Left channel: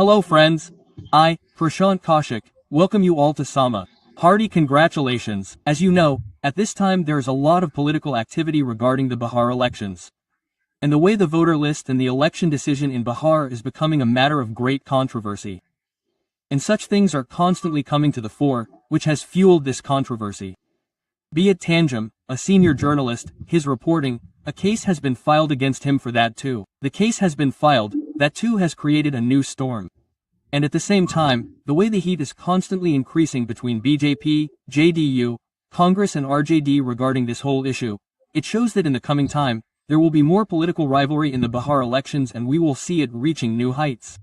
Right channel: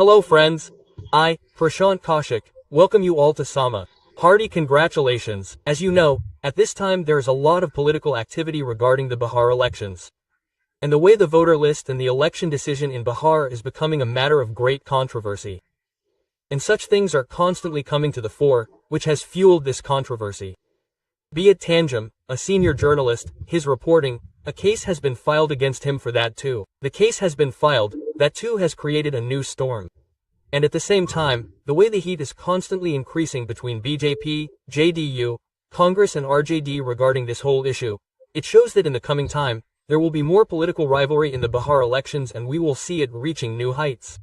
Hello friends. I, Prashant Kaushik, welcome you all to Sama. Hearty congratulations. As you know, at this time there is a lot of political activity regarding the Bihar elections. And the way the voter list and the election decision in Bihar is becoming a matter of great controversy. And such things are constantly coming to the fore, which has fueled this controversy. Be it Tanjum, a senior journalist, his reporting, a case has been filed against him for that too. The case has been filed, that too has created a new storm. And at the same time, the way the heat is constantly increasing between BJP, JDU, Congress and RJD regarding this whole issue, it shows that in the coming time, there will be more political rivalry in the Bihar elections and we will see it reaching new heights.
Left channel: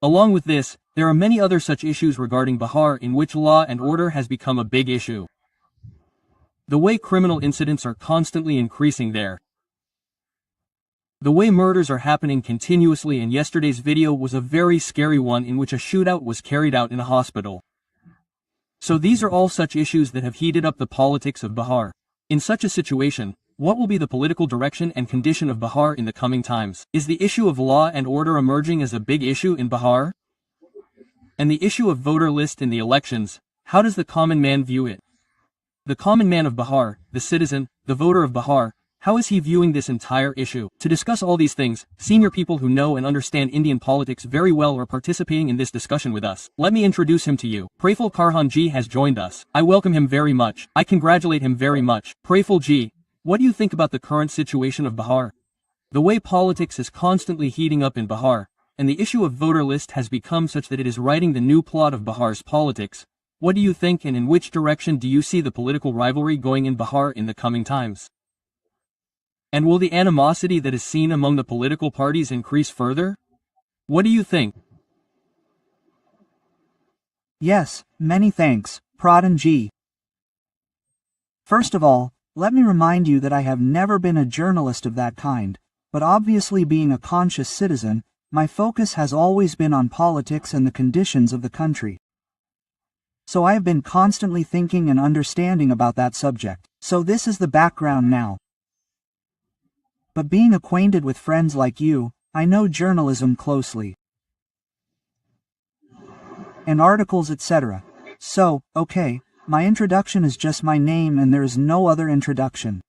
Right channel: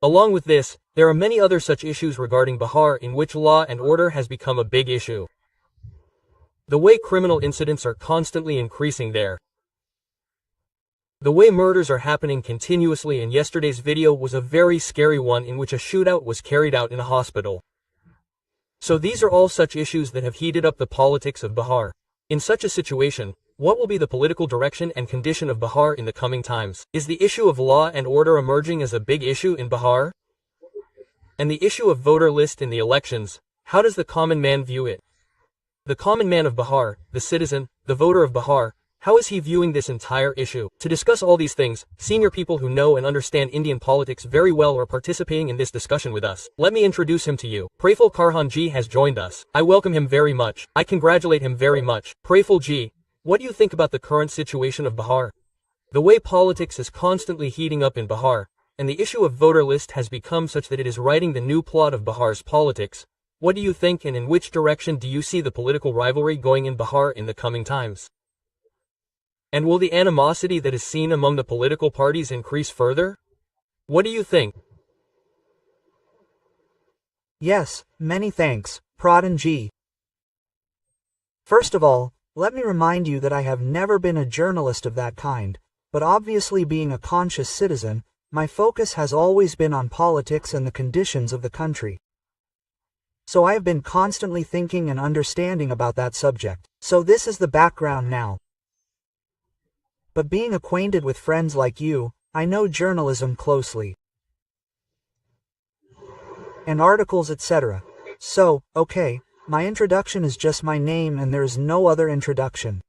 Along with this, there are many other such issues regarding Bihar in which law and order has become a big issue. The way criminal incidents are constantly increasing there. The way murders are happening continuously, and yesterday's video was a very scary one in which a shootout was carried out in a hospital. So these are all such issues that have heated up the politics of Bihar. In such a situation, what will be the political direction and condition of Bihar in the coming times? Is the issue of law and order emerging as a big issue in Bihar? And the issue of voter list in the elections, how does the common man view it? The common man of Bihar, the citizen, the voter of Bihar, how is he viewing this entire issue? To discuss all these things, senior people who know and understand Indian politics very well are participating in this discussion with us. Let me introduce him to you. Praful Karhan ji has joined us. I welcome him very much. I congratulate him very much. Praful ji, what do you think about the current situation of Bihar? The way politics is constantly heating up in Bihar, and the issue of voter list has become such that it is writing the new plot of Bihar's politics. What do you think, and in which direction do you see the political rivalry going in Bihar in the coming times? And will the animosity that is seen among the political parties increase further? What do you think? Yes, many thanks, Pradhan ji. First of all, let me remind you that I have never been a journalist of that kind, but obviously being a conscious citizen, my focus has always been on politics and the conditions of the country. So I have been constantly thinking and understanding about that subject. So this is the background now. But being acquainted with friends like you, I know journalism closely. And articles, etc. So, okay, my introduction is just my name and there is no other introduction.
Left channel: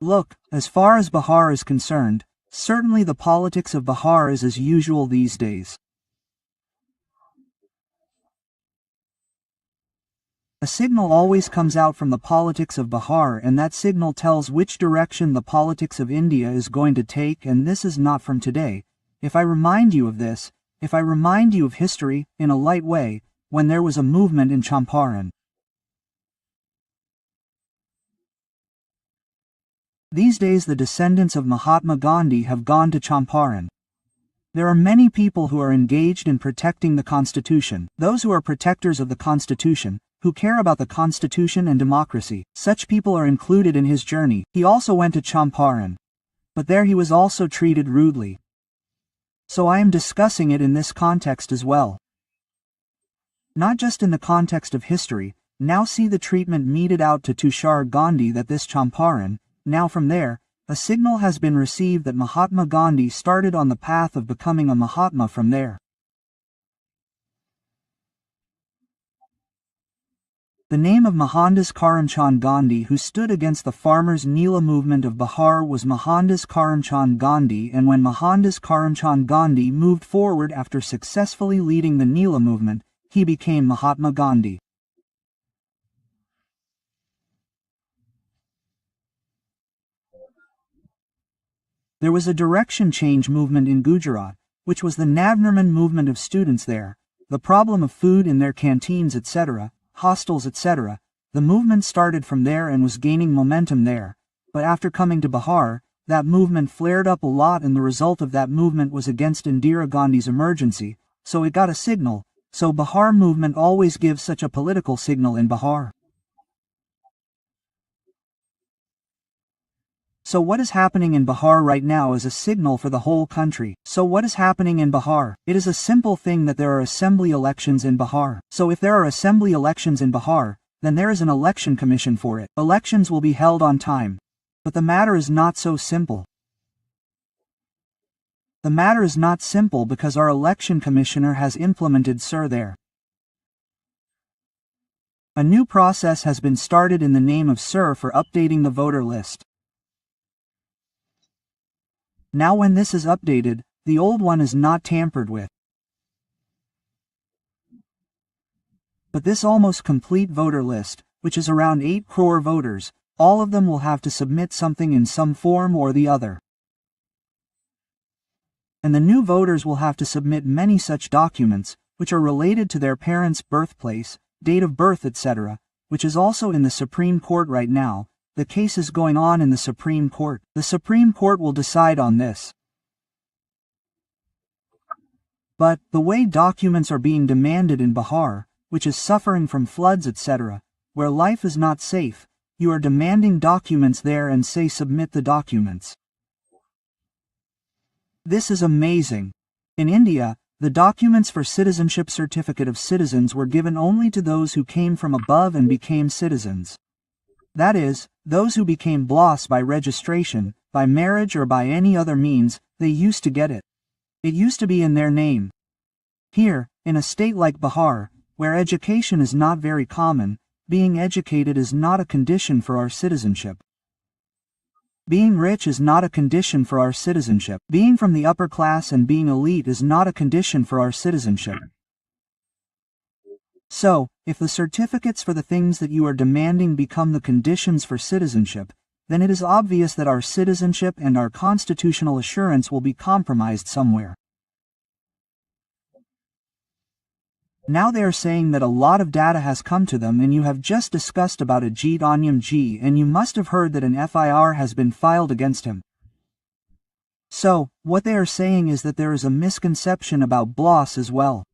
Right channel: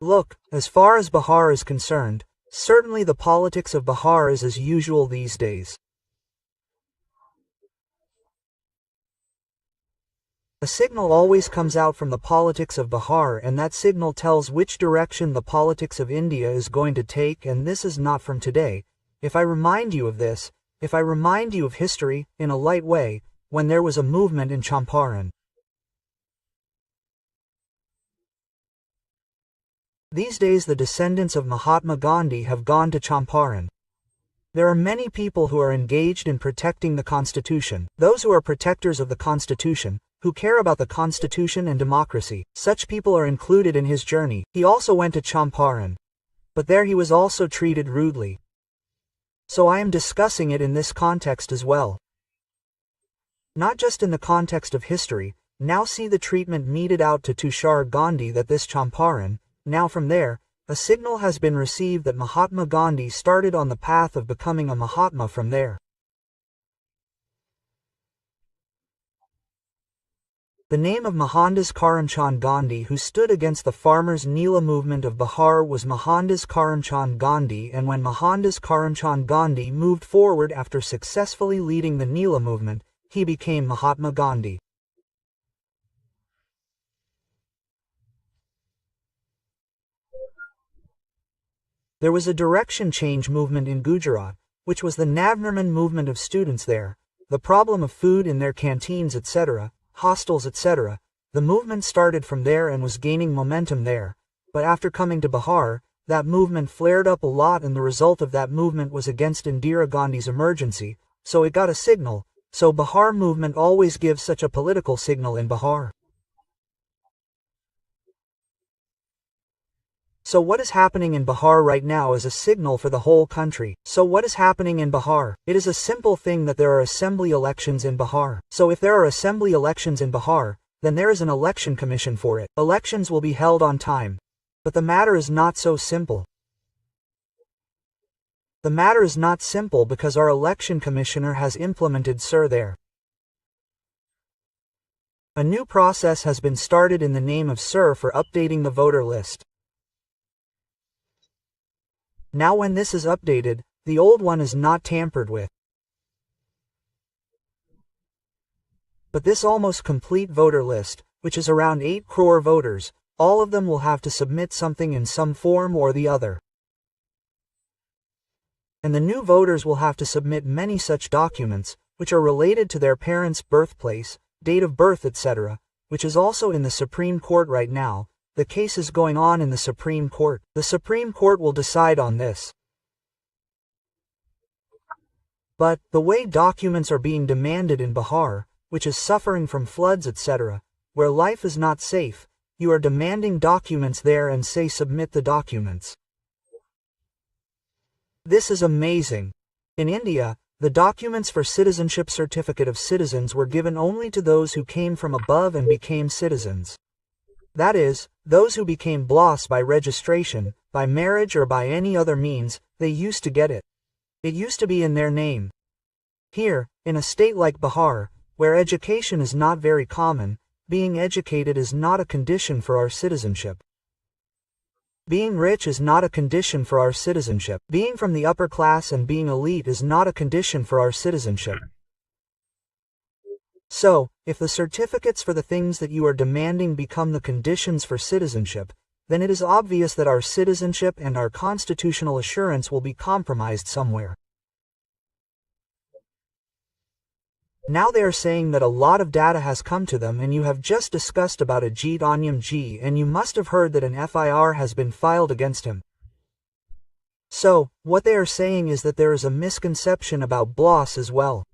Look, as far as Bihar is concerned, certainly the politics of Bihar is as usual these days. A signal always comes out from the politics of Bihar, and that signal tells which direction the politics of India is going to take, and this is not from today. If I remind you of this, if I remind you of history, in a light way, when there was a movement in Champaran. These days the descendants of Mahatma Gandhi have gone to Champaran. There are many people who are engaged in protecting the Constitution, those who are protectors of the Constitution, who care about the Constitution and democracy. Such people are included in his journey. He also went to Champaran. But there he was also treated rudely. So I am discussing it in this context as well. Not just in the context of history. Now see the treatment meted out to Tushar Gandhi, that this Champaran, now from there, a signal has been received that Mahatma Gandhi started on the path of becoming a Mahatma from there. The name of Mohandas Karamchand Gandhi, who stood against the farmers' Neela movement of Bihar, was Mohandas Karamchand Gandhi, and when Mohandas Karamchand Gandhi moved forward after successfully leading the Neela movement, he became Mahatma Gandhi. There was a direction change movement in Gujarat, which was the Navnirman movement of students there, the problem of food in their canteens, etc., hostels, etc. The movement started from there and was gaining momentum there, but after coming to Bihar, that movement flared up a lot, and the result of that movement was against Indira Gandhi's emergency, so it got a signal. So Bihar movement always gives such a political signal in Bihar. So what is happening in Bihar right now is a signal for the whole country. So what is happening in Bihar? It is a simple thing that there are assembly elections in Bihar. So if there are assembly elections in Bihar, then there is an election commission for it. Elections will be held on time. But the matter is not so simple. The matter is not simple because our election commissioner has implemented Sir there. A new process has been started in the name of Sir for updating the voter list. Now when this is updated, the old one is not tampered with. But this almost complete voter list, which is around 8 crore voters, all of them will have to submit something in some form or the other. And the new voters will have to submit many such documents, which are related to their parents' birthplace, date of birth, etc., which is also in the Supreme Court right now. The case is going on in the Supreme Court. The Supreme Court will decide on this. But, the way documents are being demanded in Bihar, which is suffering from floods, etc., where life is not safe, you are demanding documents there and say submit the documents. This is amazing. In India, the documents for citizenship certificate of citizens were given only to those who came from above and became citizens. That is, those who became BLOS by registration, by marriage or by any other means, they used to get it. It used to be in their name. Here, in a state like Bihar, where education is not very common, being educated is not a condition for our citizenship. Being rich is not a condition for our citizenship. Being from the upper class and being elite is not a condition for our citizenship. So, if the certificates for the things that you are demanding become the conditions for citizenship, then it is obvious that our citizenship and our constitutional assurance will be compromised somewhere. Now they are saying that a lot of data has come to them, and you have just discussed about Ajit Onyam, and you must have heard that an FIR has been filed against him. So, what they are saying is that there is a misconception about BLOS as well.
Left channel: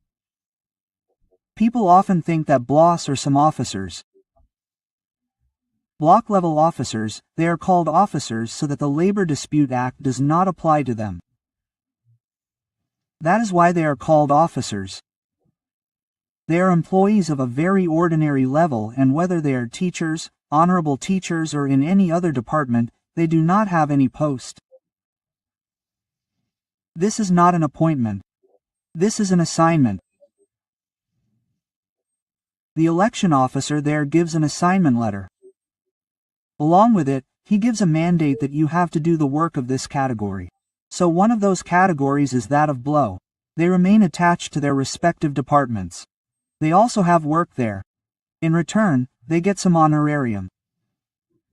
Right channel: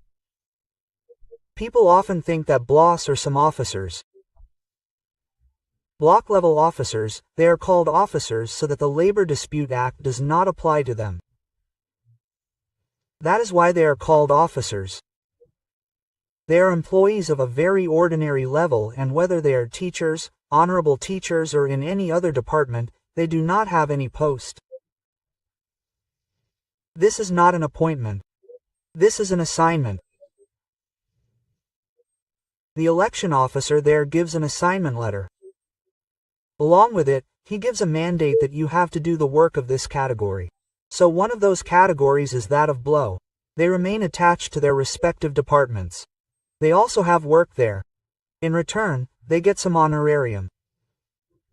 People often think that BLOS are some officers. Block-level officers, they are called officers so that the Labor Dispute Act does not apply to them. That is why they are called officers. They are employees of a very ordinary level, and whether they are teachers, honorable teachers, or in any other department, they do not have any post. This is not an appointment. This is an assignment. The election officer there gives an assignment letter. Along with it, he gives a mandate that you have to do the work of this category. So one of those categories is that of BLO. They remain attached to their respective departments. They also have work there. In return, they get some honorarium.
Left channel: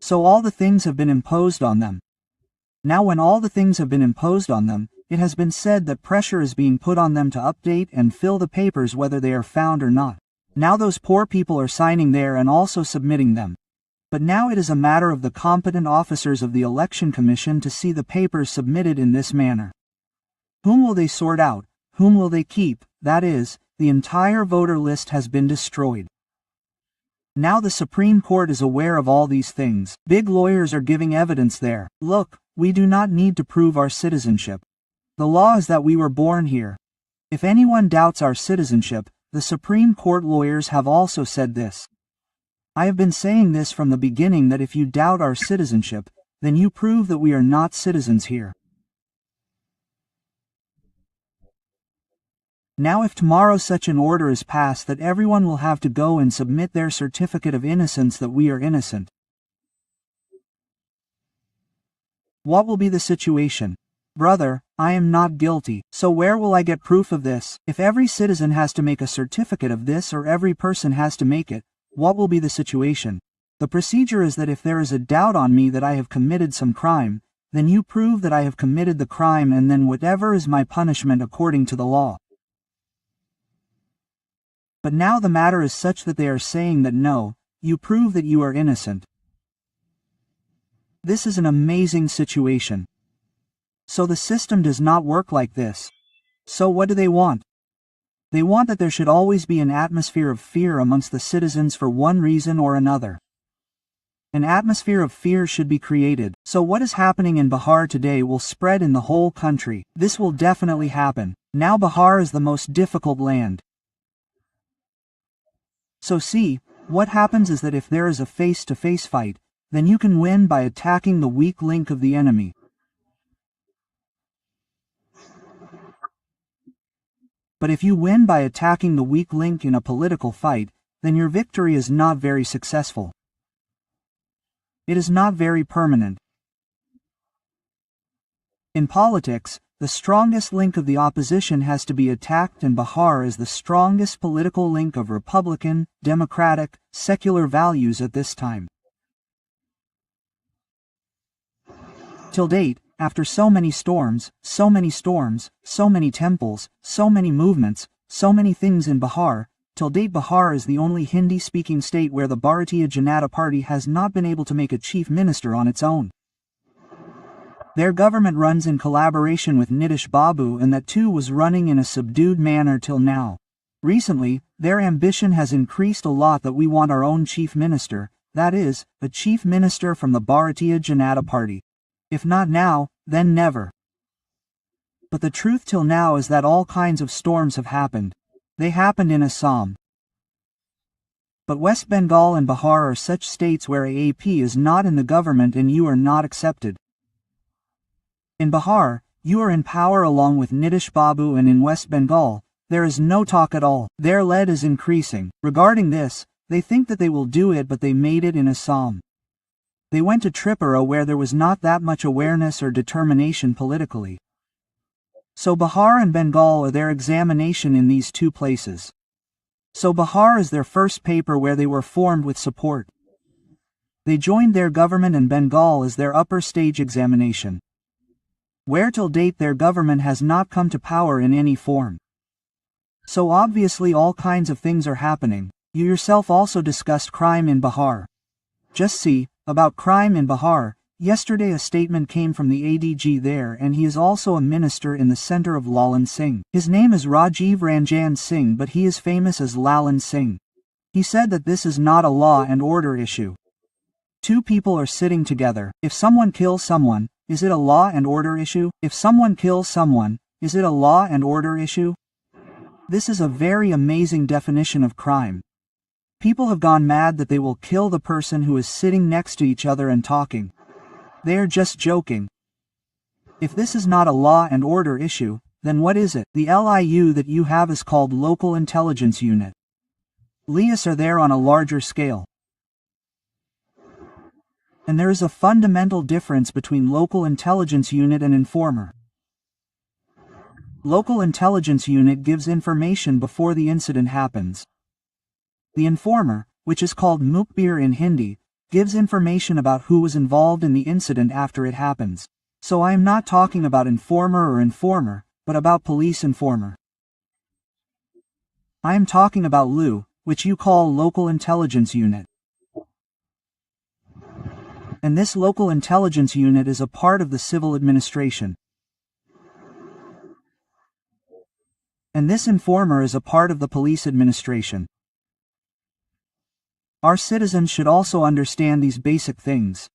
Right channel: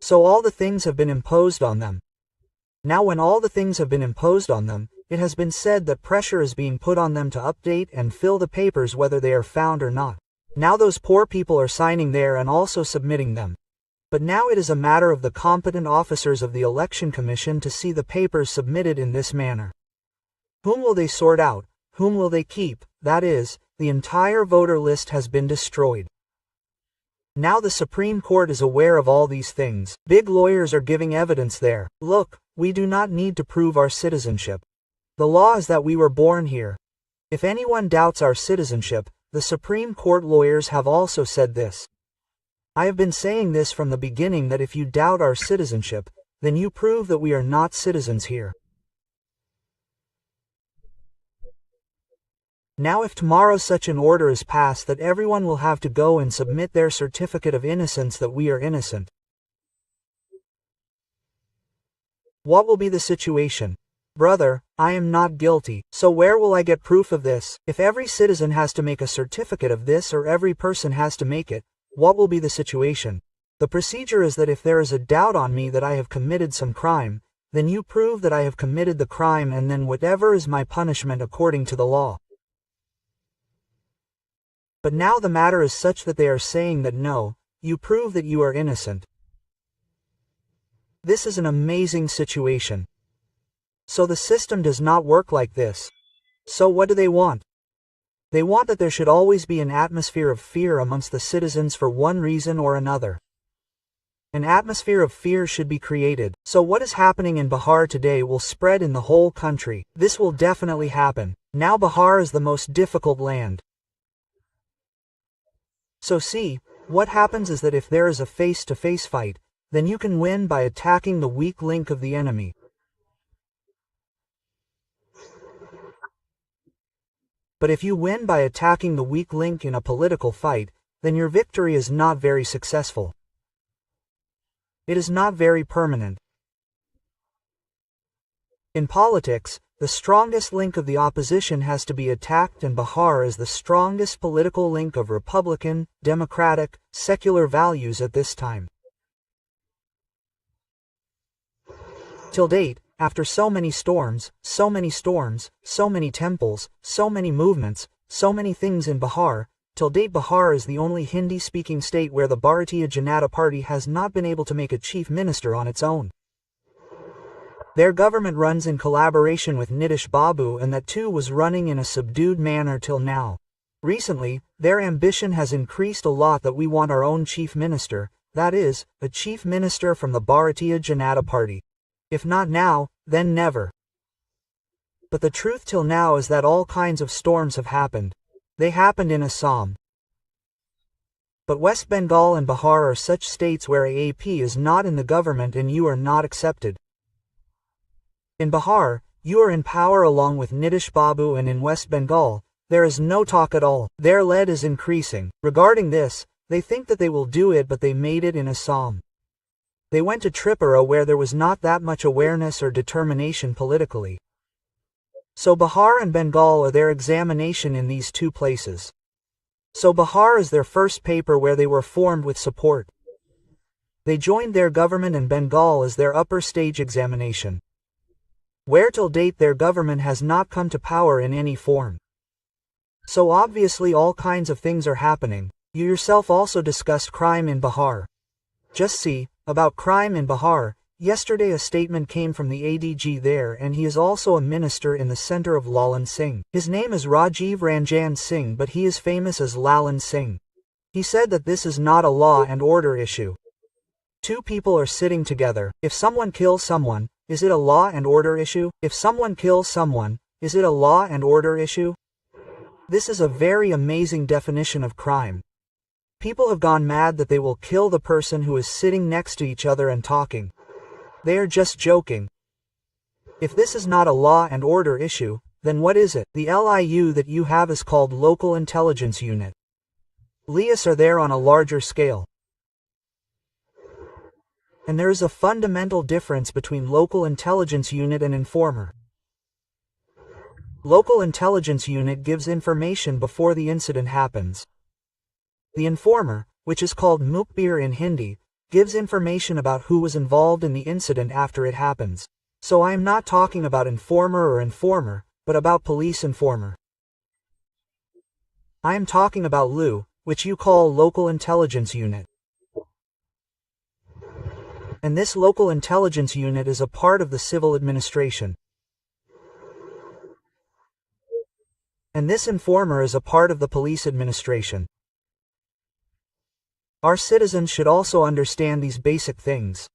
So all the things have been imposed on them. Now when all the things have been imposed on them, it has been said that pressure is being put on them to update and fill the papers whether they are found or not. Now those poor people are signing there and also submitting them. But now it is a matter of the competent officers of the Election Commission to see the papers submitted in this manner. Whom will they sort out? Whom will they keep? That is, the entire voter list has been destroyed. Now the Supreme Court is aware of all these things. Big lawyers are giving evidence there. Look, we do not need to prove our citizenship. The law is that we were born here. If anyone doubts our citizenship, the Supreme Court lawyers have also said this. I have been saying this from the beginning, that if you doubt our citizenship, then you prove that we are not citizens here. Now if tomorrow such an order is passed that everyone will have to go and submit their certificate of innocence that we are innocent, what will be the situation? Brother, I am not guilty, so where will I get proof of this? If every citizen has to make a certificate of this, or every person has to make it, what will be the situation? The procedure is that if there is a doubt on me that I have committed some crime, then you prove that I have committed the crime, and then whatever is my punishment according to the law. But now the matter is such that they are saying that no, you prove that you are innocent. This is an amazing situation. So the system does not work like this. So what do they want? They want that there should always be an atmosphere of fear amongst the citizens for one reason or another. An atmosphere of fear should be created, so what is happening in Bihar today will spread in the whole country. This will definitely happen. Now Bihar is the most difficult land. So see, what happens is that if there is a face-to-face fight, then you can win by attacking the weak link of the enemy. But if you win by attacking the weak link in a political fight, then your victory is not very successful. It is not very permanent. In politics, the strongest link of the opposition has to be attacked, and Bihar is the strongest political link of Republican, democratic, secular values at this time. Till date, after so many storms, so many temples, so many movements, so many things in Bihar, till date Bihar is the only Hindi-speaking state where the Bharatiya Janata Party has not been able to make a chief minister on its own. Their government runs in collaboration with Nitish Babu, and that too was running in a subdued manner till now. Recently, their ambition has increased a lot that we want our own chief minister, that is, a chief minister from the Bharatiya Janata Party. If not now, then never. But the truth till now is that all kinds of storms have happened. They happened in Assam. But West Bengal and Bihar are such states where AAP is not in the government and you are not accepted. In Bihar, you are in power along with Nitish Babu, and in West Bengal, there is no talk at all. Their lead is increasing. Regarding this, they think that they will do it, but they made it in Assam. They went to Tripura where there was not that much awareness or determination politically. So Bihar and Bengal are their examination in these two places. So Bihar is their first paper where they were formed with support. They joined their government, and Bengal is their upper stage examination, where till date their government has not come to power in any form. So obviously all kinds of things are happening. You yourself also discussed crime in Bihar. Just see, about crime in Bihar, yesterday a statement came from the ADG there, and he is also a minister in the center of Lalan Singh. His name is Rajiv Ranjan Singh, but he is famous as Lalan Singh. He said that this is not a law and order issue. Two people are sitting together. If someone kills someone, is it a law and order issue? If someone kills someone, is it a law and order issue? This is a very amazing definition of crime. People have gone mad that they will kill the person who is sitting next to each other and talking. They are just joking. If this is not a law and order issue, then what is it? The LIU that you have is called Local Intelligence Unit. LIUs are there on a larger scale. And there is a fundamental difference between Local Intelligence Unit and Informer. Local Intelligence Unit gives information before the incident happens. The Informer, which is called Mukbir in Hindi, gives information about who was involved in the incident after it happens. So I am not talking about informer or informer, but about police informer. I am talking about LU, which you call Local Intelligence Unit. And this Local Intelligence Unit is a part of the civil administration. And this informer is a part of the police administration. Our citizens should also understand these basic things.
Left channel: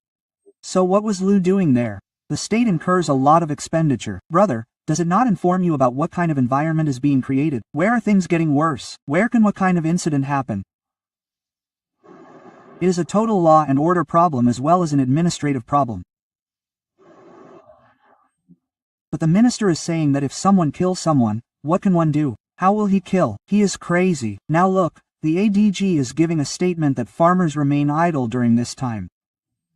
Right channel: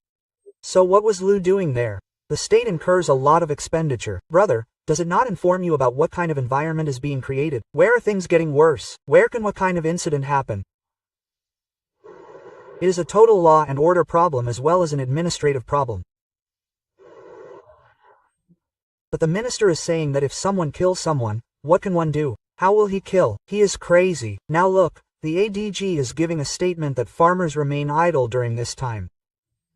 So what was LU doing there? The state incurs a lot of expenditure. Brother, does it not inform you about what kind of environment is being created? Where are things getting worse? Where can what kind of incident happen? It is a total law and order problem as well as an administrative problem. But the minister is saying that if someone kills someone, what can one do? How will he kill? He is crazy. Now look, the ADG is giving a statement that farmers remain idle during this time.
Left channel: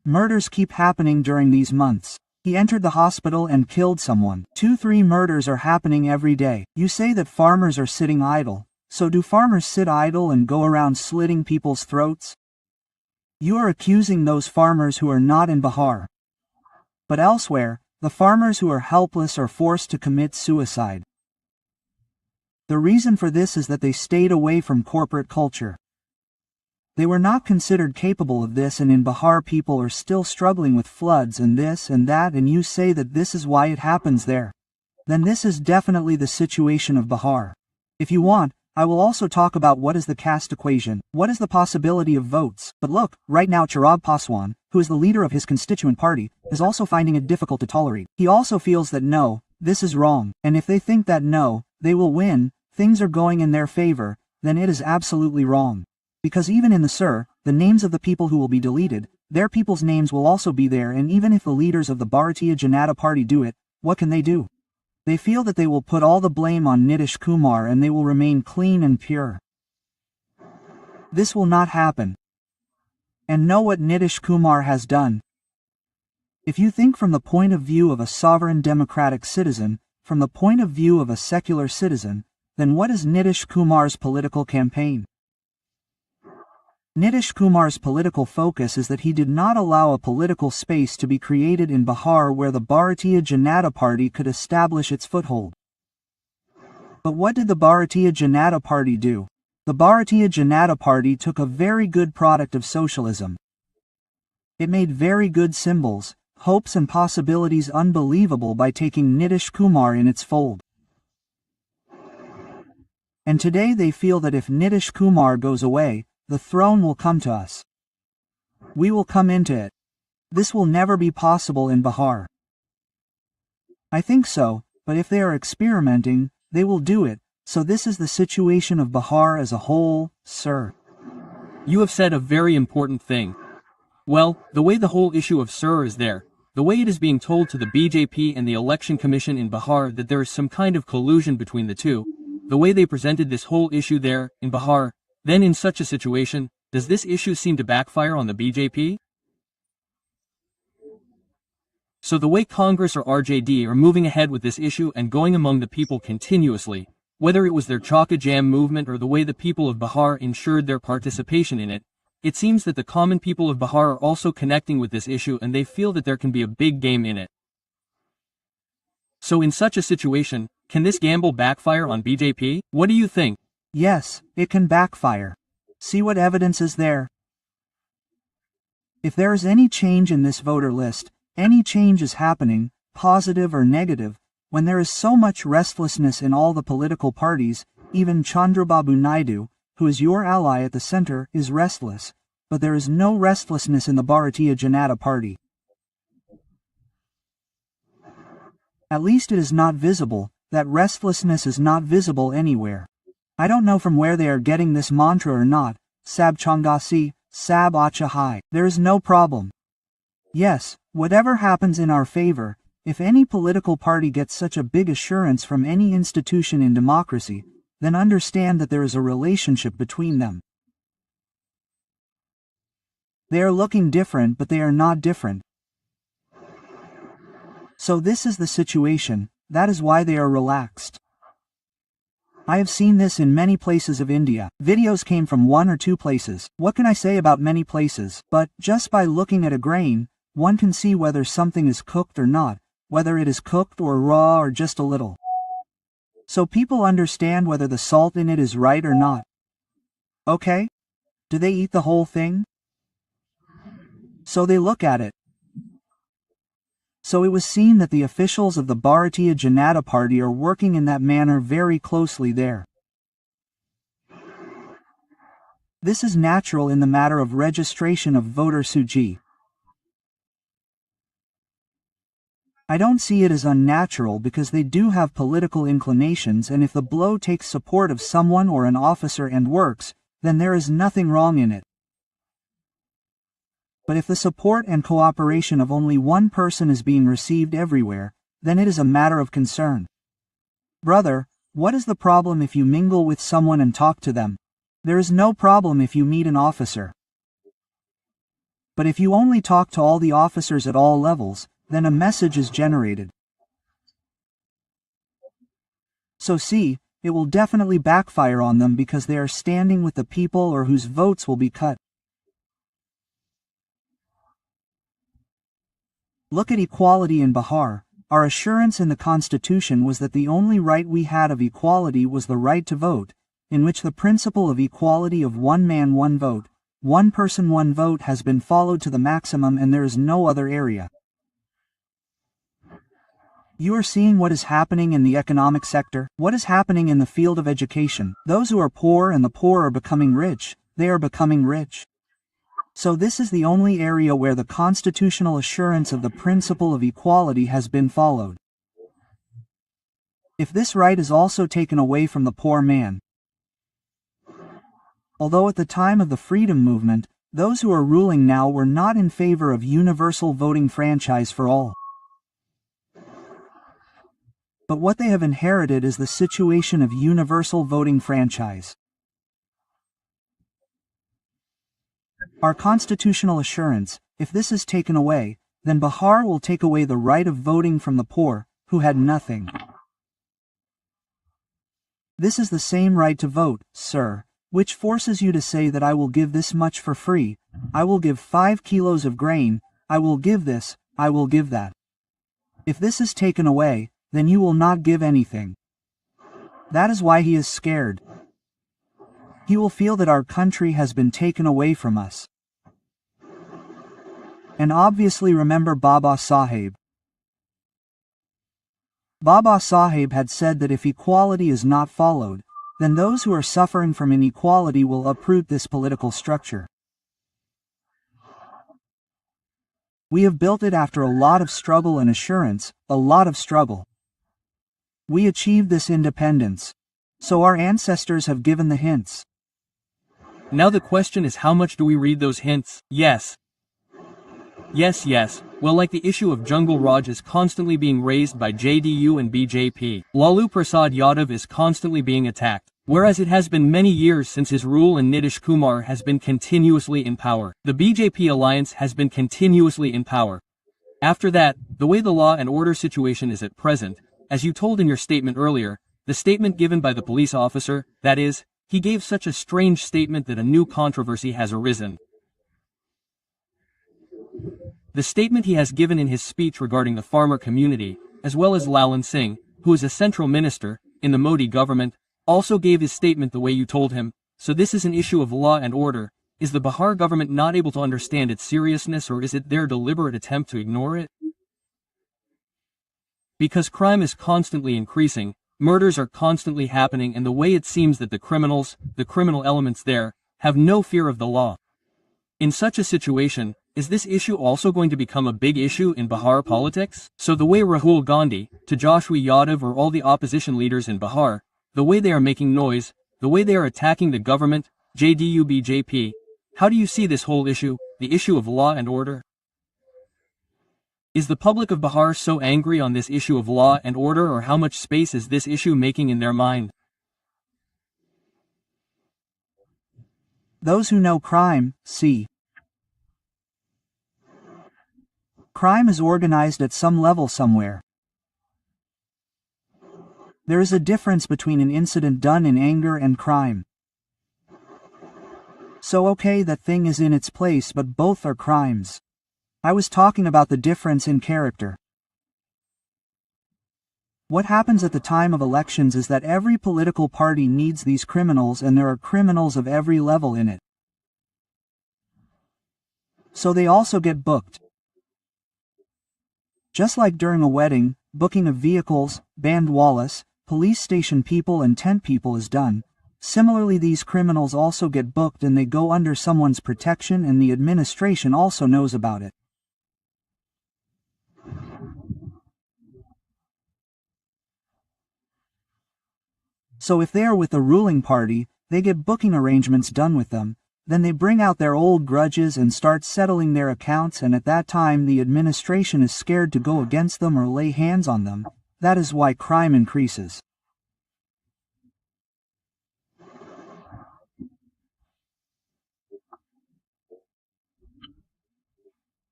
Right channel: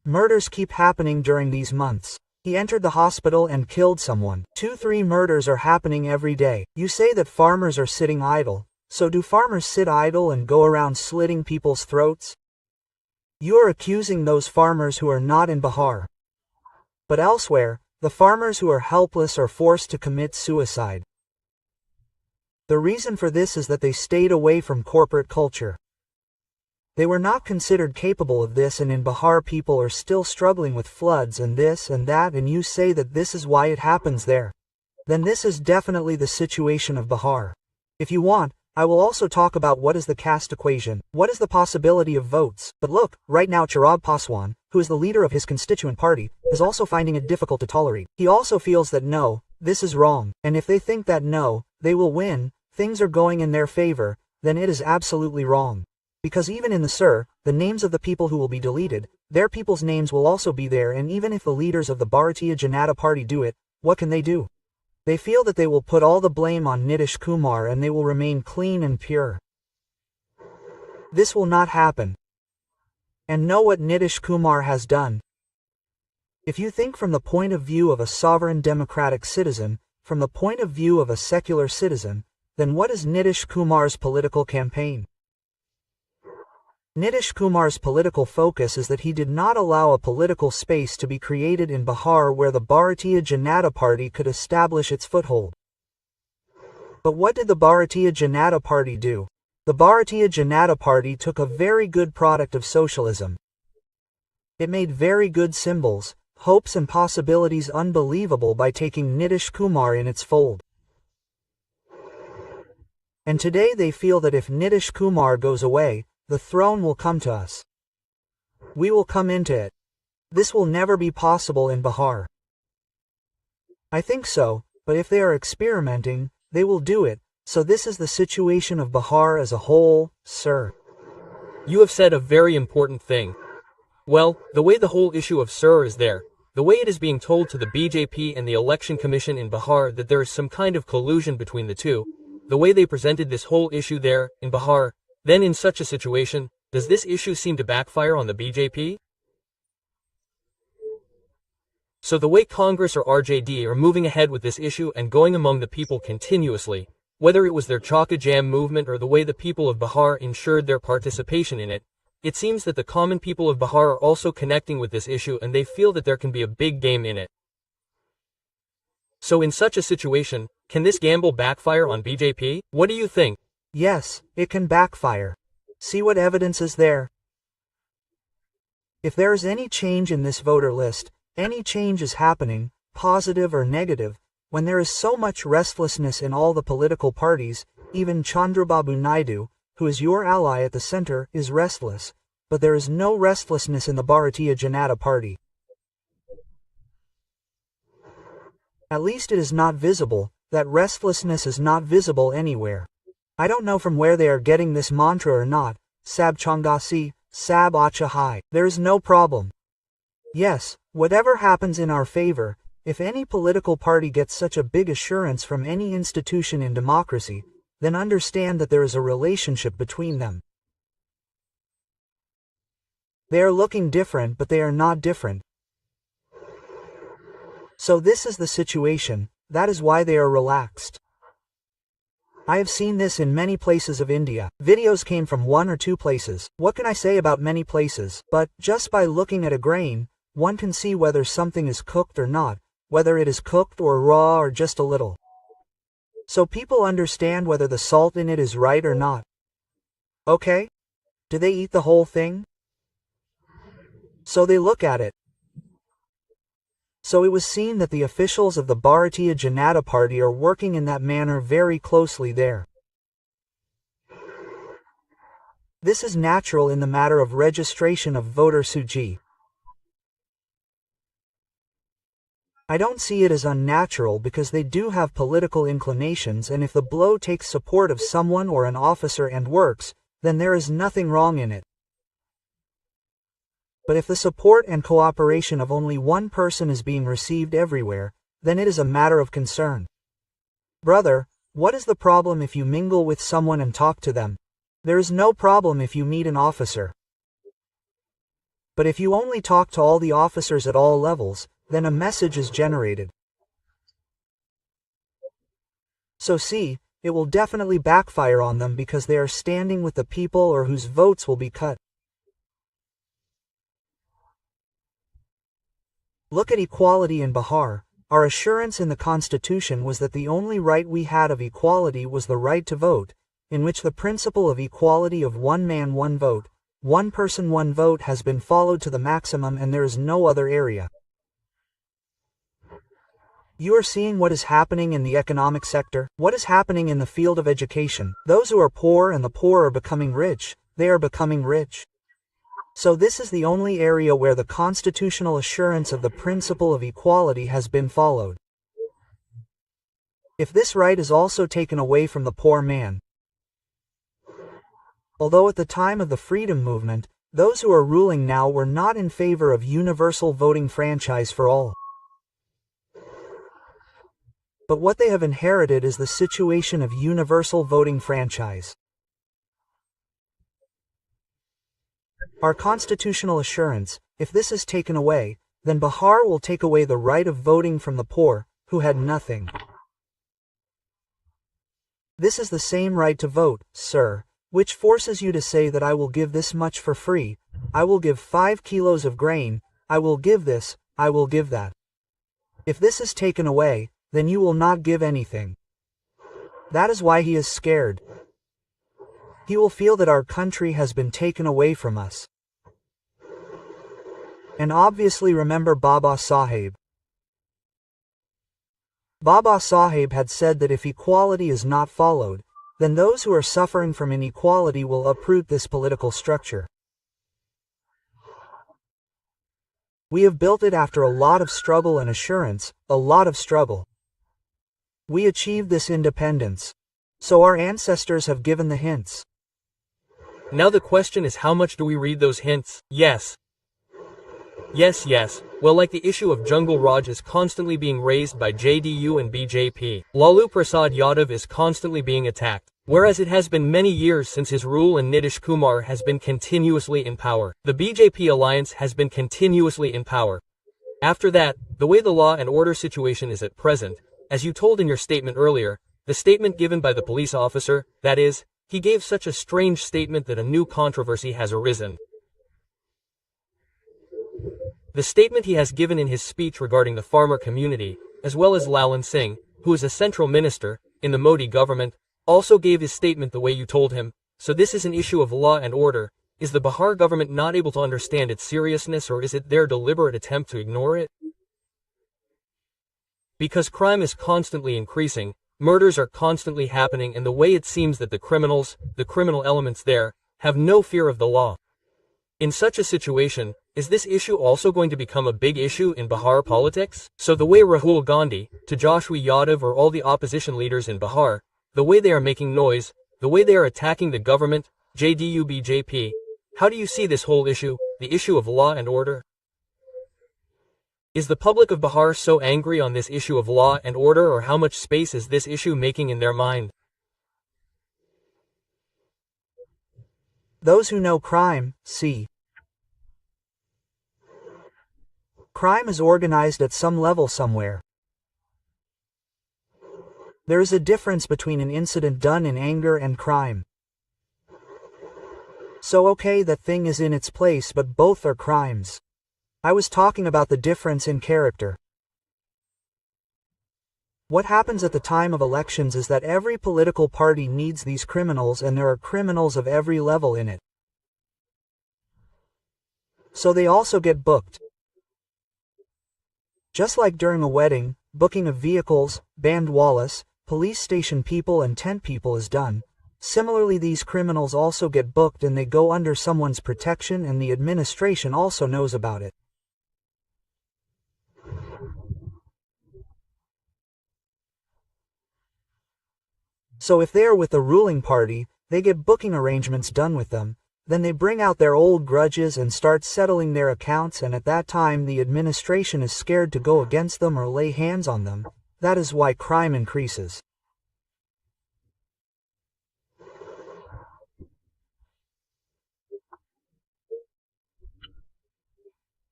Murders keep happening during these months. He entered the hospital and killed someone. 2-3 murders are happening every day. You say that farmers are sitting idle. So do farmers sit idle and go around slitting people's throats? You are accusing those farmers who are not in Bihar. But elsewhere, the farmers who are helpless are forced to commit suicide. The reason for this is that they stayed away from corporate culture. They were not considered capable of this, and in Bihar people are still struggling with floods and this and that, and you say that this is why it happens there. Then this is definitely the situation of Bihar. If you want, I will also talk about what is the caste equation, what is the possibility of votes. But look, right now Chirag Paswan, who is the leader of his constituent party, is also finding it difficult to tolerate. He also feels that no, this is wrong, and if they think that no, they will win, things are going in their favor, then it is absolutely wrong. Because even in the SIR, the names of the people who will be deleted, their people's names will also be there, and even if the leaders of the Bharatiya Janata Party do it, what can they do? They feel that they will put all the blame on Nitish Kumar and they will remain clean and pure. This will not happen. And know what Nitish Kumar has done. If you think from the point of view of a sovereign democratic citizen, from the point of view of a secular citizen, then what is Nitish Kumar's political campaign? Nitish Kumar's political focus is that he did not allow a political space to be created in Bihar where the Bharatiya Janata Party could establish its foothold. But what did the Bharatiya Janata Party do? The Bharatiya Janata Party took a very good product of socialism. It made very good symbols, hopes and possibilities unbelievable by taking Nitish Kumar in its fold. And today they feel that if Nitish Kumar goes away, the throne will come to us. We will come into it. This will never be possible in Bihar. I think so, but if they are experimenting, they will do it, so this is the situation of Bihar as a whole, sir. You have said a very important thing. Well, the way the whole issue of Sir is there, the way it is being told to the BJP and the Election Commission in Bihar that there is some kind of collusion between the two, the way they presented this whole issue there, in Bihar, then in such a situation, does this issue seem to backfire on the BJP? So the way Congress or RJD are moving ahead with this issue and going among the people continuously, whether it was their Chaka Jam movement or the way the people of Bihar ensured their participation in it, it seems that the common people of Bihar are also connecting with this issue and they feel that there can be a big game in it. So in such a situation, can this gamble backfire on BJP? What do you think? Yes, it can backfire. See what evidence is there. If there is any change in this voter list, any change is happening, positive or negative, when there is so much restlessness in all the political parties, even Chandrababu Naidu, who is your ally at the center, is restless, but there is no restlessness in the Bharatiya Janata Party. At least it is not visible, that restlessness is not visible anywhere. I don't know from where they are getting this mantra or not, Sab Changasi, Sab Acha Hai. There is no problem. Yes, whatever happens in our favor, if any political party gets such a big assurance from any institution in democracy, then understand that there is a relationship between them. They are looking different but they are not different. So this is the situation, that is why they are relaxed. I have seen this in many places of India. Videos came from 1 or 2 places. What can I say about many places? But, just by looking at a grain, one can see whether something is cooked or not, whether it is cooked or raw or just a little. So people understand whether the salt in it is right or not. Okay? Do they eat the whole thing? So they look at it. So it was seen that the officials of the Bharatiya Janata Party are working in that manner very closely there. This is natural in the matter of registration of voter Suji. I don't see it as unnatural because they do have political inclinations, and if the blow takes support of someone or an officer and works, then there is nothing wrong in it. But if the support and cooperation of only one person is being received everywhere, then it is a matter of concern. Brother, what is the problem if you mingle with someone and talk to them? There is no problem if you meet an officer. But if you only talk to all the officers at all levels, then a message is generated. So see, it will definitely backfire on them because they are standing with the people or whose votes will be cut. Look at equality in Bihar. Our assurance in the Constitution was that the only right we had of equality was the right to vote, in which the principle of equality of one man one vote, one person one vote has been followed to the maximum, and there is no other area. You are seeing what is happening in the economic sector, what is happening in the field of education. Those who are poor and the poor are becoming rich, they are becoming rich. So this is the only area where the constitutional assurance of the principle of equality has been followed. If this right is also taken away from the poor man, although at the time of the freedom movement, those who are ruling now were not in favor of universal voting franchise for all. But what they have inherited is the situation of universal voting franchise. Our constitutional assurance, if this is taken away, then Bihar will take away the right of voting from the poor, who had nothing. This is the same right to vote, sir, which forces you to say that I will give this much for free, I will give 5 kilos of grain, I will give this, I will give that. If this is taken away, then you will not give anything. That is why he is scared. He will feel that our country has been taken away from us. And obviously remember Baba Saheb. Baba Saheb had said that if equality is not followed, then those who are suffering from inequality will uproot this political structure. We have built it after a lot of struggle and assurance, a lot of struggle. We achieved this independence. So our ancestors have given the hints. Now the question is, how much do we read those hints? Yes. Yes. Well, like the issue of Jungle Raj is constantly being raised by JDU and BJP. Lalu Prasad Yadav is constantly being attacked. Whereas it has been many years since his rule and Nitish Kumar has been continuously in power. The BJP alliance has been continuously in power. After that, the way the law and order situation is at present, as you told in your statement earlier, the statement given by the police officer, that is, he gave such a strange statement that a new controversy has arisen. The statement he has given in his speech regarding the farmer community, as well as Lalan Singh, who is a central minister in the Modi government, also gave his statement the way you told him. So this is an issue of law and order. Is the Bihar government not able to understand its seriousness, or is it their deliberate attempt to ignore it? Because crime is constantly increasing, murders are constantly happening, and the way it seems that the criminal elements there, have no fear of the law. In such a situation, is this issue also going to become a big issue in Bihar politics? So the way Rahul Gandhi, Tejashwi Yadav, or all the opposition leaders in Bihar, the way they are making noise, the way they are attacking the government, JDU BJP, how do you see this whole issue, the issue of law and order? Is the public of Bihar so angry on this issue of law and order, or how much space is this issue making in their mind? Those who know crime, see. Crime is organized at some level somewhere. There is a difference between an incident done in anger and crime. So okay, that thing is in its place, but both are crimes. I was talking about the difference in character. What happens at the time of elections is that every political party needs these criminals, and there are criminals of every level in it. So they also get booked. Just like during a wedding, booking of vehicles, bandwalas, police station people and tent people is done. Similarly, these criminals also get booked, and they go under someone's protection, and the administration also knows about it. So if they are with the ruling party, they get booking arrangements done with them, then they bring out their old grudges and start settling their accounts, and at that time the administration is scared to go against them or lay hands on them. That is why crime increases.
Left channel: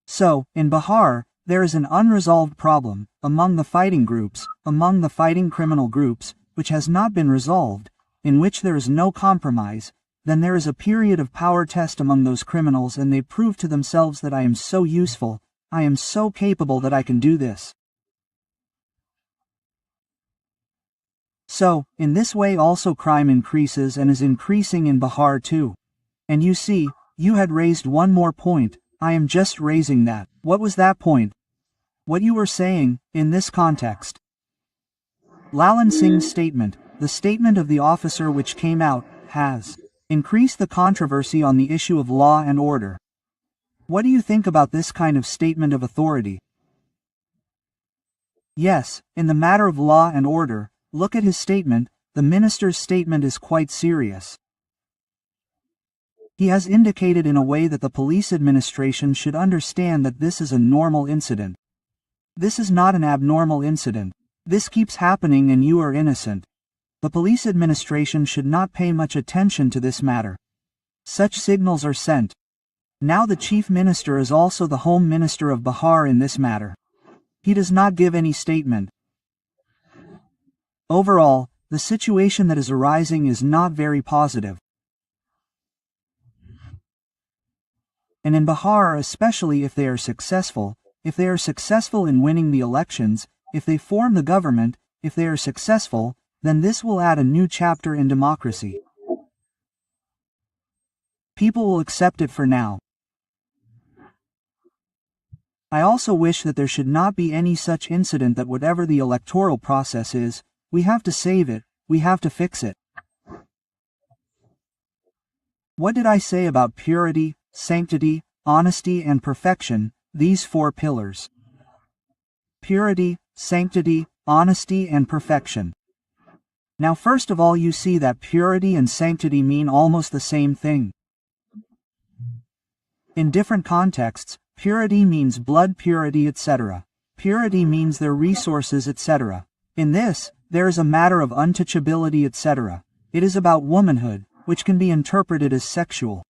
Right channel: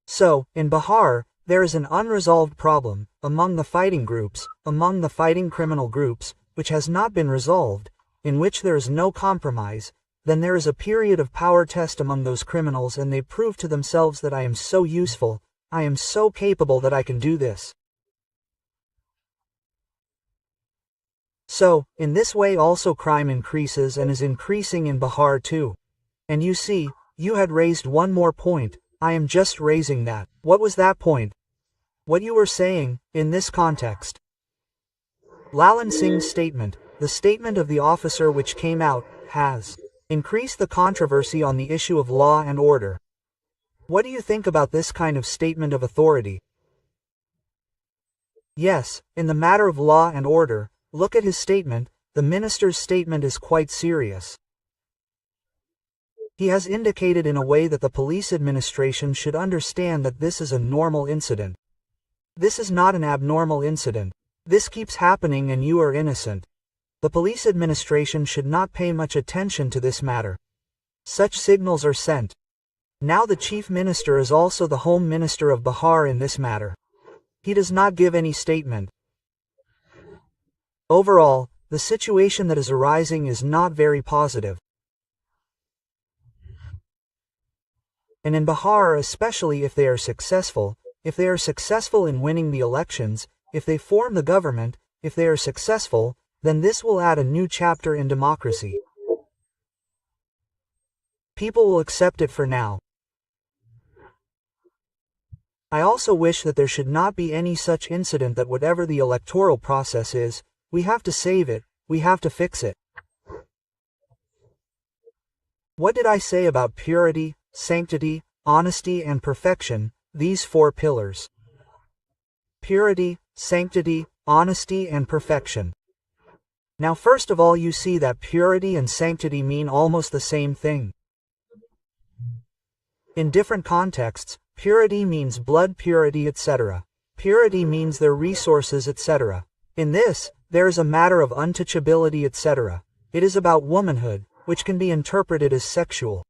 So, in Bihar, there is an unresolved problem among the fighting groups, among the fighting criminal groups, which has not been resolved, in which there is no compromise. Then there is a period of power test among those criminals, and they prove to themselves that I am so useful, I am so capable that I can do this. So, in this way also crime increases, and is increasing in Bihar too. And you see, you had raised one more point, I am just raising that. What was that point? What you were saying, in this context. Lalan Singh's statement, the statement of the officer which came out, has increased the controversy on the issue of law and order. What do you think about this kind of statement of authority? Yes, in the matter of law and order, look at his statement, the minister's statement is quite serious. He has indicated in a way that the police administration should understand that this is a normal incident. This is not an abnormal incident. This keeps happening and you are innocent. The police administration should not pay much attention to this matter. Such signals are sent. Now the Chief Minister is also the Home Minister of Bihar in this matter. He does not give any statement. Overall, the situation that is arising is not very positive. And in Bihar, especially if they are successful in winning the elections, if they form the government, if they are successful, then this will add a new chapter in democracy. People will accept it for now. I also wish that there should not be any such incident that whatever the electoral process is, we have to save it, we have to fix it. What did I say about purity, sanctity, honesty and perfection, these four pillars? Purity, sanctity, honesty and perfection. Now first of all you see that purity and sanctity mean almost the same thing. In different contexts, purity means blood purity etc. Purity means their resources etc. In this, there is a matter of untouchability etc. It is about womanhood, which can be interpreted as sexual.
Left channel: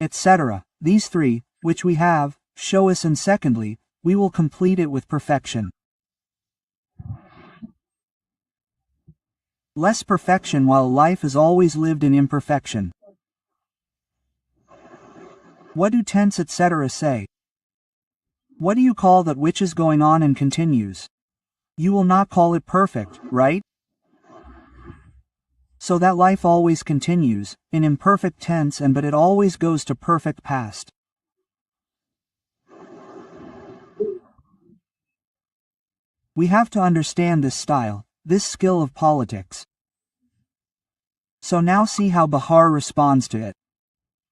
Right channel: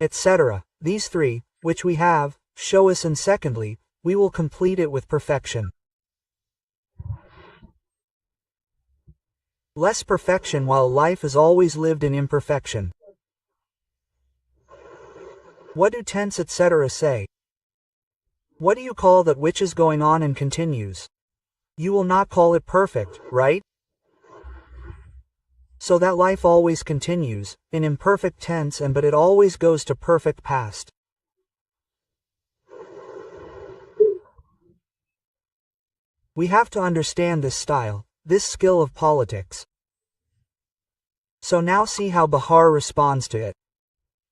Etc. These three, which we have, show us, and secondly, we will complete it with perfection. Less perfection while life is always lived in imperfection. What do tense etc. say? What do you call that which is going on and continues? You will not call it perfect, right? So that life always continues, in imperfect tense but it always goes to perfect past. We have to understand this style, this skill of politics. So now see how Bihar responds to it.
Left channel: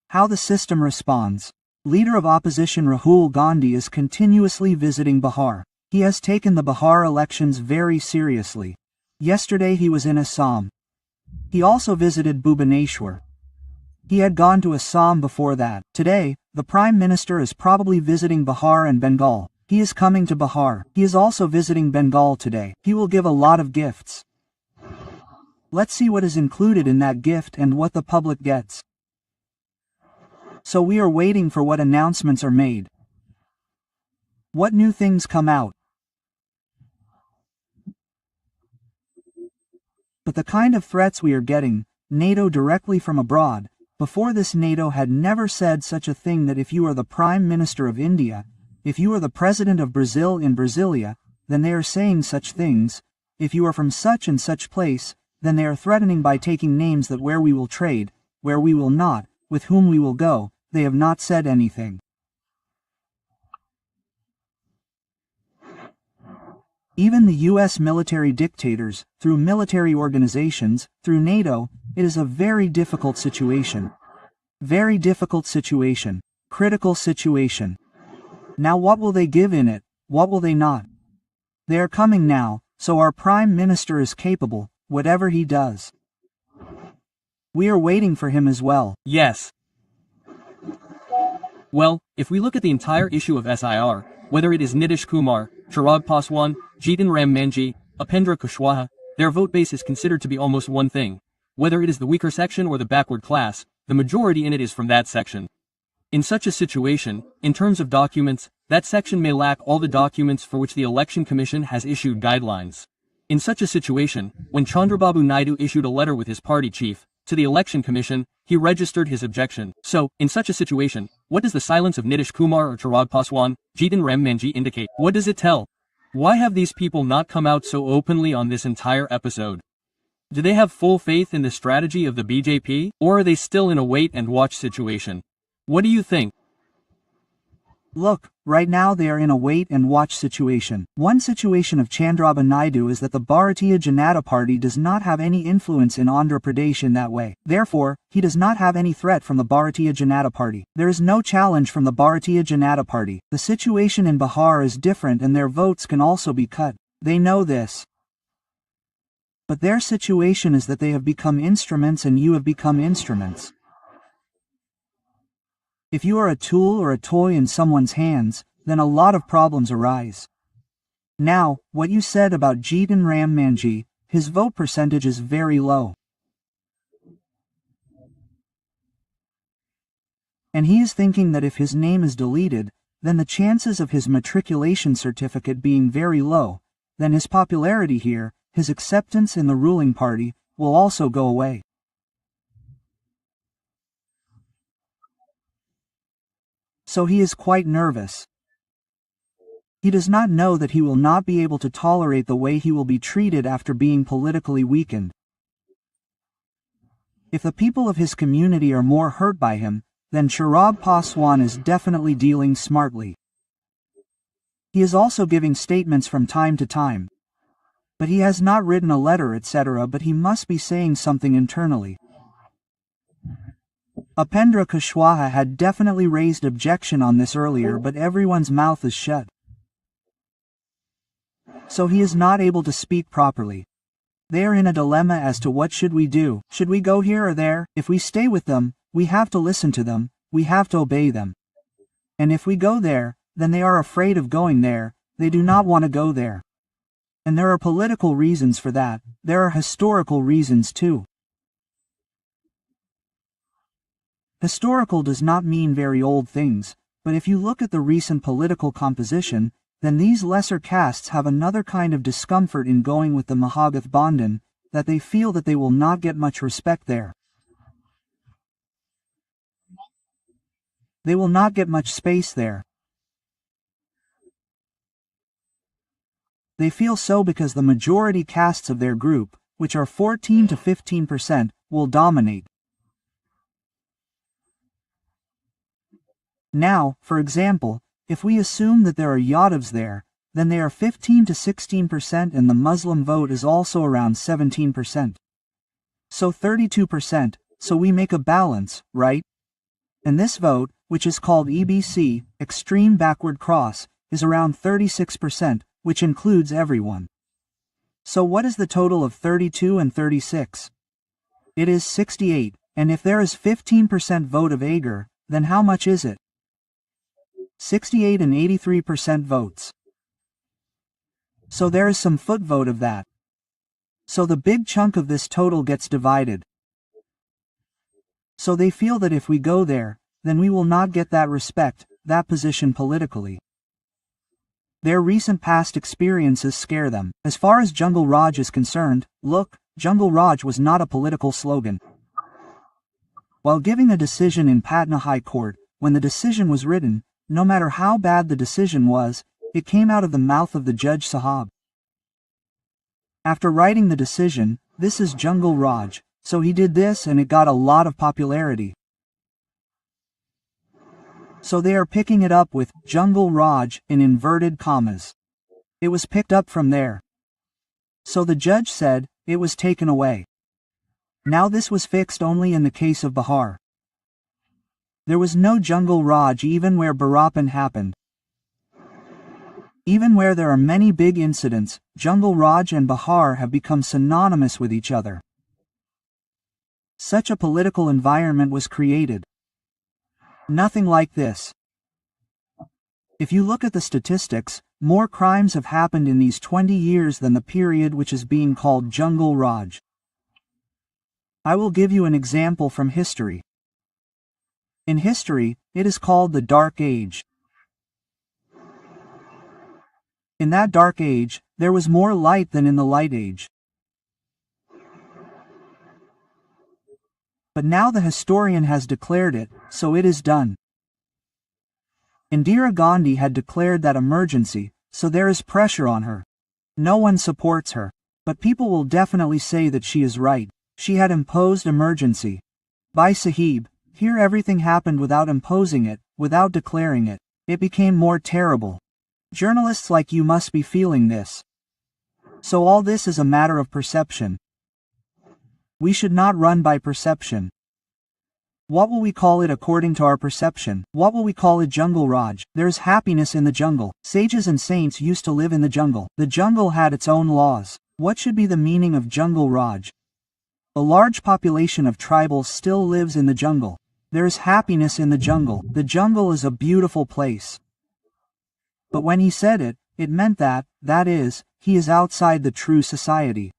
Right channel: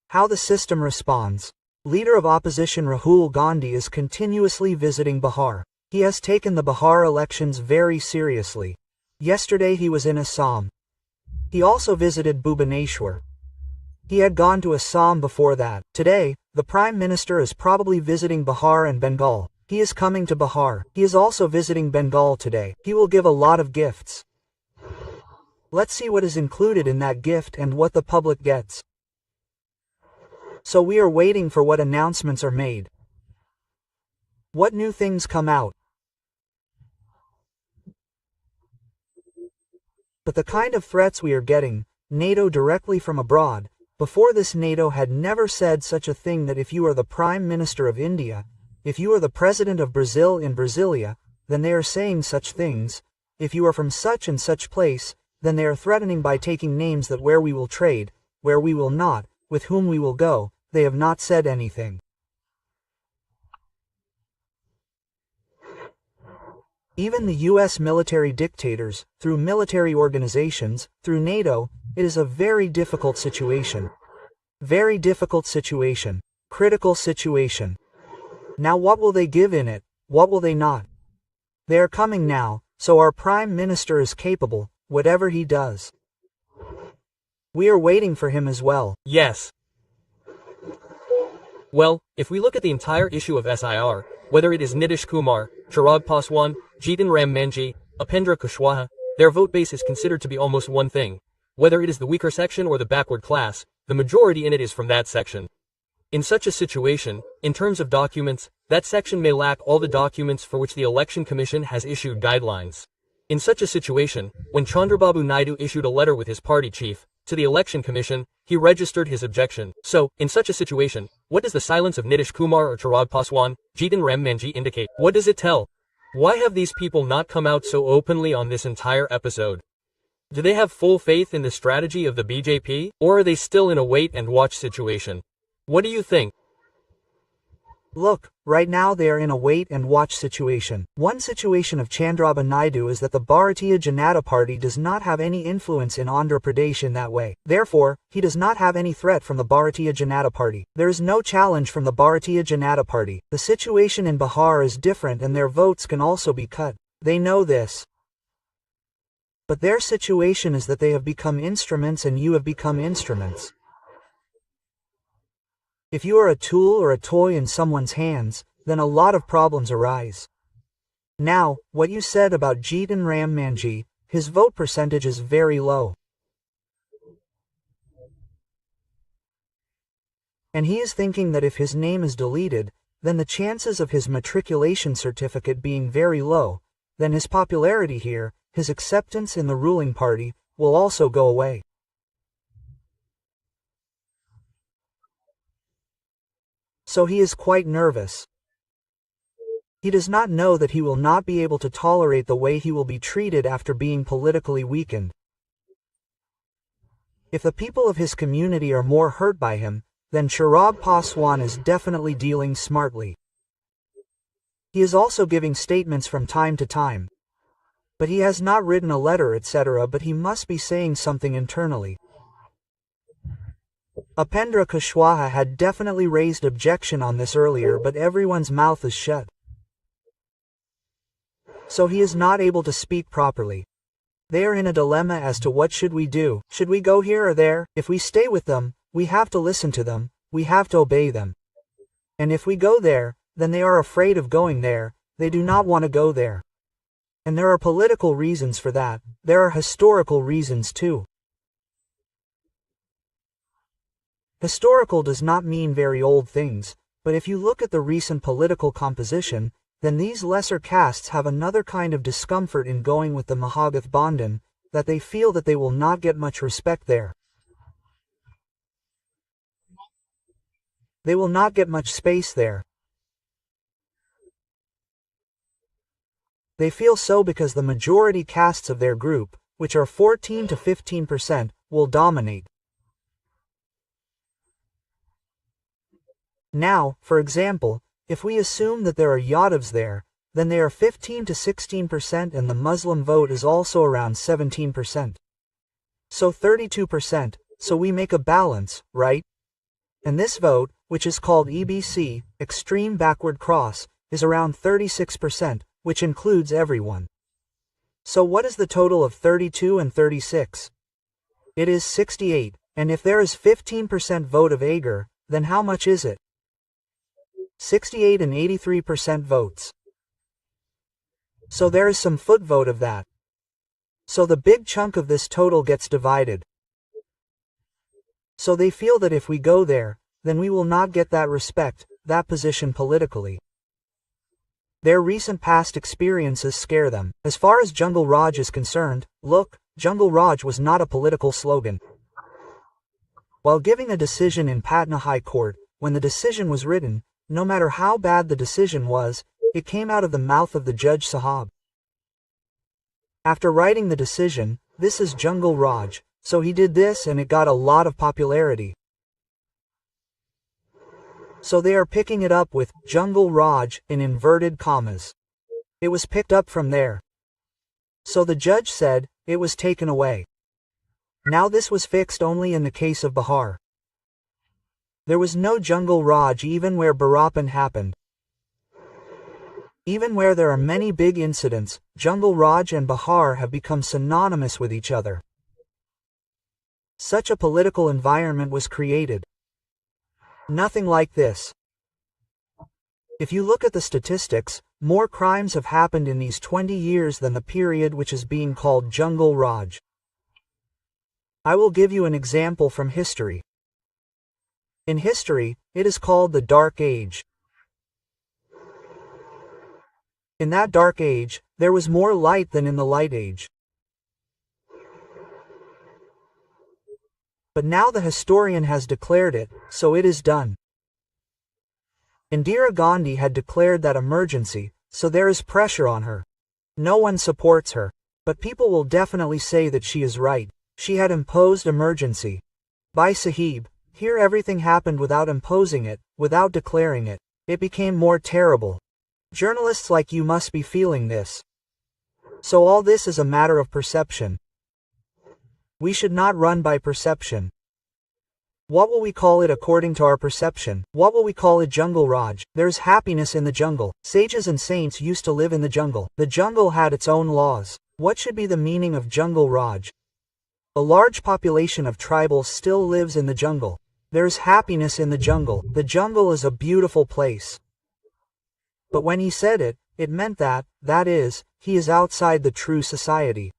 How the system responds. Leader of opposition Rahul Gandhi is continuously visiting Bihar. He has taken the Bihar elections very seriously. Yesterday he was in Assam. He also visited Bhubaneswar. He had gone to Assam before that. Today, the Prime Minister is probably visiting Bihar and Bengal. He is coming to Bihar. He is also visiting Bengal today. He will give a lot of gifts. Let's see what is included in that gift and what the public gets. So we are waiting for what announcements are made. What new things come out. But the kind of threats we are getting, NATO directly from abroad, before this NATO had never said such a thing that if you are the Prime Minister of India, if you are the President of Brazil in Brasilia, then they are saying such things. If you are from such and such place, then they are threatening by taking names that where we will trade, where we will not, with whom we will go. They have not said anything. Even the US military dictators, through military organizations, through NATO, it is a very difficult situation. Very difficult situation. Critical situation. Now what will they give in it? What will they not? They are coming now, so our Prime Minister is capable, whatever he does. We are waiting for him as well. Yes. Well, if we look at the entire issue of SIR, whether it is Nitish Kumar, Chirag Paswan, Jitan Ram Manji, Upendra Kushwaha, their vote base is considered to be almost one thing. Whether it is the weaker section or the backward class, the majority in it is from that section. In such a situation, in terms of documents, that section may lack all the documents for which the Election Commission has issued guidelines. In such a situation, when Chandrababu Naidu issued a letter with his party chief to the Election Commission, he registered his objection. So, in such a situation, what does the silence of Nitish Kumar or Chirag Paswan, Jitan Ram Manji indicate? What does it tell? Why have these people not come out so openly on this entire episode? Do they have full faith in the strategy of the BJP, or are they still in a wait-and-watch situation? What do you think? Look, right now they are in a wait-and-watch situation. One situation of Chandrababu Naidu is that the Bharatiya Janata Party does not have any influence in Andhra Pradesh in that way. Therefore, he does not have any threat from the Bharatiya Janata Party. There is no challenge from the Bharatiya Janata Party. The situation in Bihar is different and their votes can also be cut. They know this. But their situation is that they have become instruments and you have become instruments. If you are a tool or a toy in someone's hands, then a lot of problems arise. Now, what you said about Jitan Ram Manji, his vote percentage is very low. And he is thinking that if his name is deleted, then the chances of his matriculation certificate being very low, then his popularity here, his acceptance in the ruling party, will also go away. So he is quite nervous. He does not know that he will not be able to tolerate the way he will be treated after being politically weakened. If the people of his community are more hurt by him, then Chirag Paswan is definitely dealing smartly. He is also giving statements from time to time. But he has not written a letter etc. But he must be saying something internally. Upendra Kushwaha had definitely raised objection on this earlier, but everyone's mouth is shut. So he is not able to speak properly. They are in a dilemma as to what should we do. Should we go here or there? If we stay with them, we have to listen to them, we have to obey them. And if we go there, then they are afraid of going there, they do not want to go there. And there are political reasons for that, there are historical reasons too. Historical does not mean very old things, but if you look at the recent political composition, then these lesser castes have another kind of discomfort in going with the Mahagathbandhan, that they feel that they will not get much respect there. They will not get much space there. They feel so because the majority castes of their group, which are 14 to 15%, will dominate. Now, for example, if we assume that there are Yadavs there, then they are 15 to 16% and the Muslim vote is also around 17%. So 32%, so we make a balance, right? And this vote, which is called EBC, extreme backward cross, is around 36%, which includes everyone. So what is the total of 32 and 36? It is 68, and if there is 15% vote of Agar, then how much is it? 68 and 83% votes. So there is some foot vote of that. So the big chunk of this total gets divided. So they feel that if we go there, then we will not get that respect, that position politically. Their recent past experiences scare them. As far as Jungle Raj is concerned, look, Jungle Raj was not a political slogan. While giving a decision in Patna High Court, when the decision was written, no matter how bad the decision was, it came out of the mouth of the Judge Sahab. After writing the decision, this is Jungle Raj, so he did this and it got a lot of popularity. So they are picking it up with Jungle Raj in inverted commas. It was picked up from there. So the judge said, it was taken away. Now this was fixed only in the case of Bihar. There was no Jungle Raj even where Barapan happened. Even where there are many big incidents, Jungle Raj and Bihar have become synonymous with each other. Such a political environment was created. Nothing like this. If you look at the statistics, more crimes have happened in these 20 years than the period which is being called Jungle Raj. I will give you an example from history. In history, it is called the Dark Age. In that Dark Age, there was more light than in the Light Age. But now the historian has declared it, so it is done. Indira Gandhi had declared that emergency, so there is pressure on her. No one supports her, but people will definitely say that she is right. She had imposed emergency. By Sahib, here everything happened without imposing it, without declaring it. It became more terrible. Journalists like you must be feeling this. So all this is a matter of perception. We should not run by perception. What will we call it according to our perception? What will we call it? Jungle Raj. There is happiness in the jungle. Sages and saints used to live in the jungle. The jungle had its own laws. What should be the meaning of Jungle Raj? A large population of tribals still lives in the jungle. There's happiness in the jungle. The jungle is a beautiful place. But when he said it, it meant that is, he is outside the true society.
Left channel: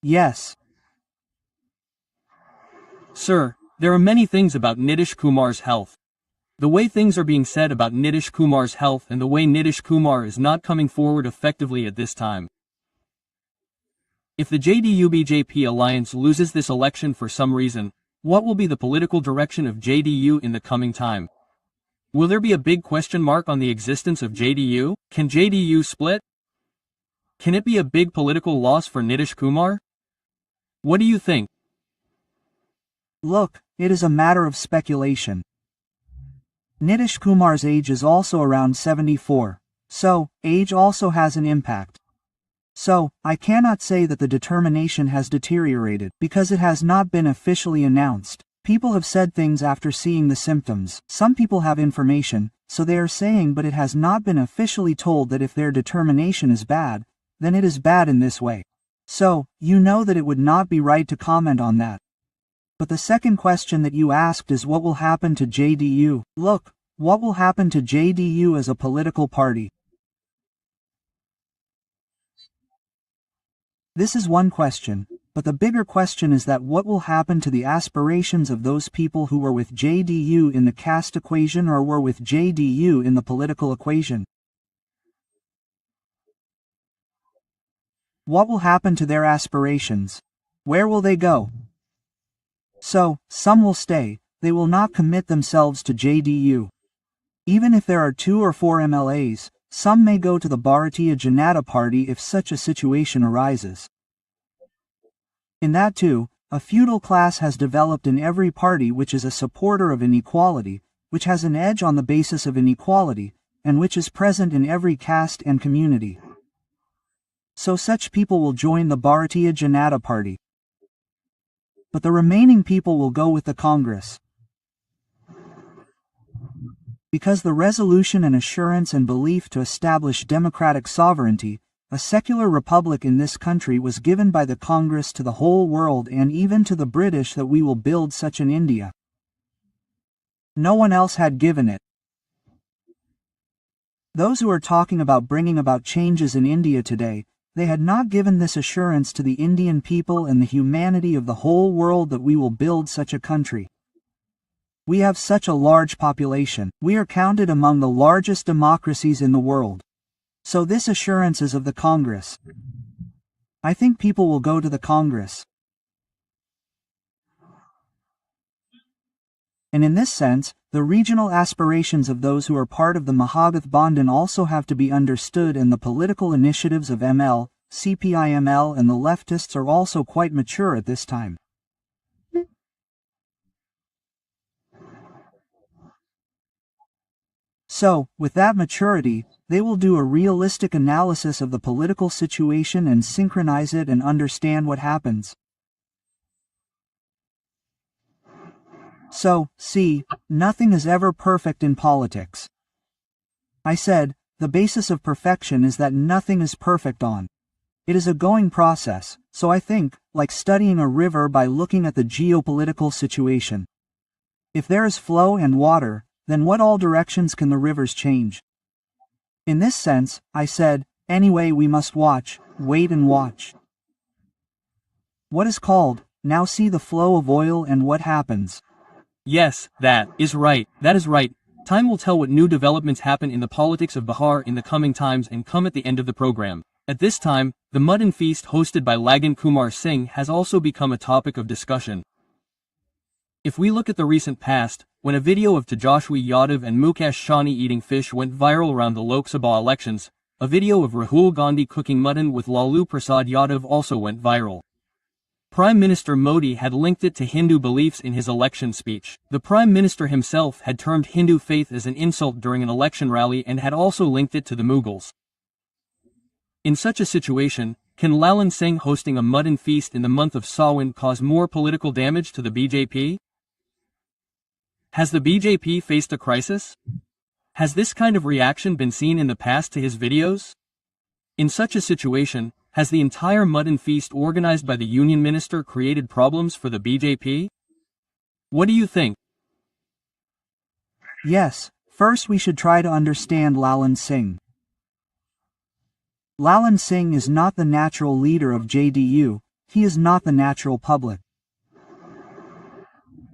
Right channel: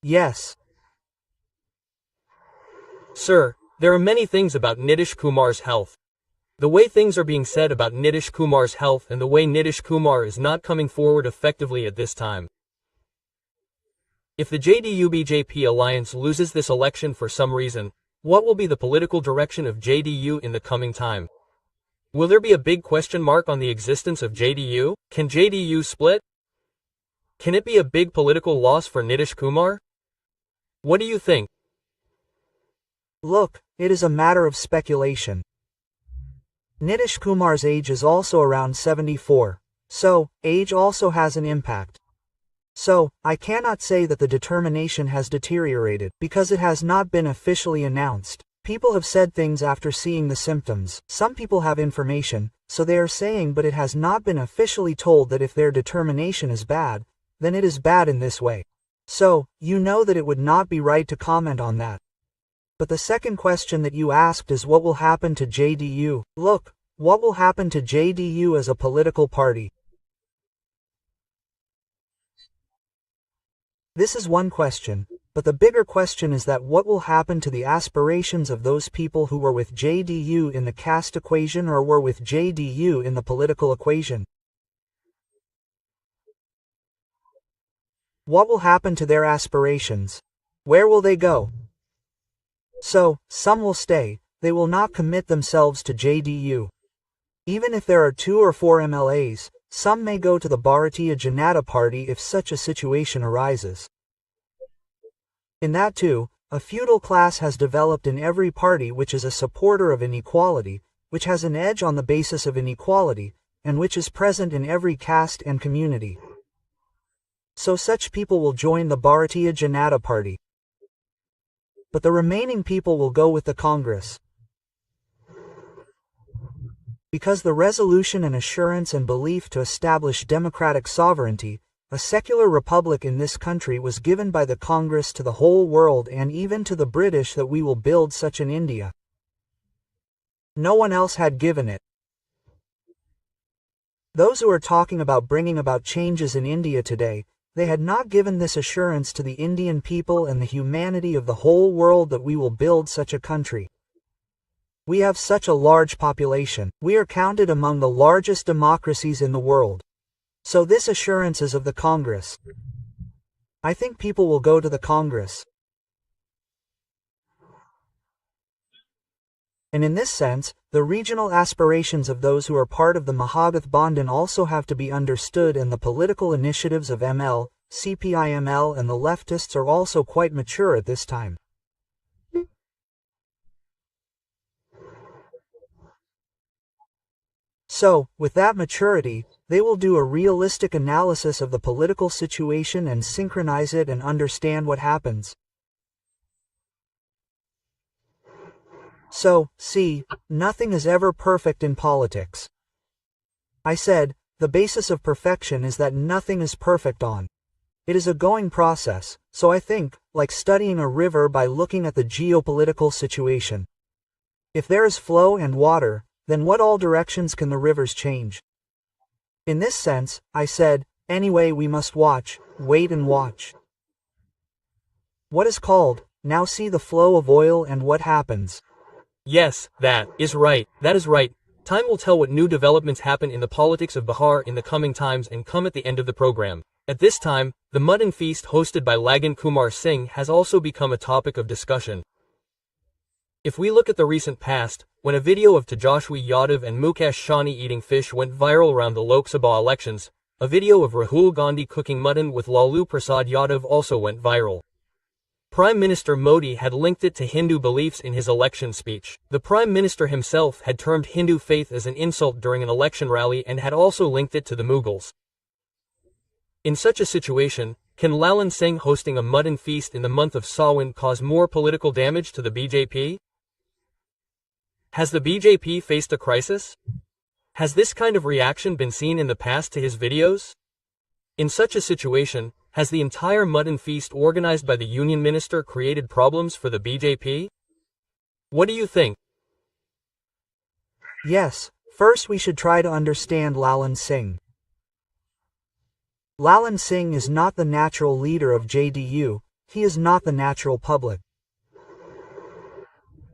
Yes. Sir, there are many things about Nitish Kumar's health. The way things are being said about Nitish Kumar's health and the way Nitish Kumar is not coming forward effectively at this time. If the JDU-BJP alliance loses this election for some reason, what will be the political direction of JDU in the coming time? Will there be a big question mark on the existence of JDU? Can JDU split? Can it be a big political loss for Nitish Kumar? What do you think? Look, it is a matter of speculation. Nitish Kumar's age is also around 74, so age also has an impact. So, I cannot say that the determination has deteriorated, because it has not been officially announced. People have said things after seeing the symptoms. Some people have information, so they are saying, but it has not been officially told that if their determination is bad, then it is bad in this way. So, you know that it would not be right to comment on that. But the second question that you asked is what will happen to JDU? Look, what will happen to JDU as a political party? This is one question, but the bigger question is that what will happen to the aspirations of those people who were with JDU in the caste equation or were with JDU in the political equation? What will happen to their aspirations? Where will they go? So, some will stay, they will not commit themselves to JDU. Even if there are 2 or 4 MLAs, some may go to the Bharatiya Janata Party if such a situation arises. In that too, a feudal class has developed in every party which is a supporter of inequality, which has an edge on the basis of inequality, and which is present in every caste and community. So such people will join the Bharatiya Janata Party. But the remaining people will go with the Congress. Because the resolution and assurance and belief to establish democratic sovereignty, a secular republic in this country was given by the Congress to the whole world and even to the British that we will build such an India. No one else had given it. Those who are talking about bringing about changes in India today, they had not given this assurance to the Indian people and the humanity of the whole world that we will build such a country. We have such a large population. We are counted among the largest democracies in the world. So this assurance is of the Congress. I think people will go to the Congress. And in this sense, the regional aspirations of those who are part of the Mahagath Bandhan also have to be understood, and the political initiatives of ML, CPI-ML and the leftists are also quite mature at this time. So, with that maturity, they will do a realistic analysis of the political situation and synchronize it and understand what happens. So, see, nothing is ever perfect in politics. I said, the basis of perfection is that nothing is perfect on. It is a going process, so I think, like studying a river by looking at the geopolitical situation. If there is flow and water, then what all directions can the rivers change? In this sense, I said, anyway we must watch, wait and watch. What is called, now see the flow of oil and what happens. Yes, that is right. That is right. Time will tell what new developments happen in the politics of Bihar in the coming times and come at the end of the program. At this time, the Mutton Feast hosted by Lagan Kumar Singh has also become a topic of discussion. If we look at the recent past, when a video of Tejashwi Yadav and Mukesh Sawhney eating fish went viral around the Lok Sabha elections, a video of Rahul Gandhi cooking mutton with Lalu Prasad Yadav also went viral. Prime Minister Modi had linked it to Hindu beliefs in his election speech. The Prime Minister himself had termed Hindu faith as an insult during an election rally and had also linked it to the Mughals. In such a situation, can Lalan Singh hosting a mutton feast in the month of Sawan cause more political damage to the BJP? Has the BJP faced a crisis? Has this kind of reaction been seen in the past to his videos? In such a situation, Has the entire mutton feast organized by the union minister created problems for the BJP? What do you think? Yes, first we should try to understand Lalan Singh. Lalan Singh is not the natural leader of JDU, he is not the natural public.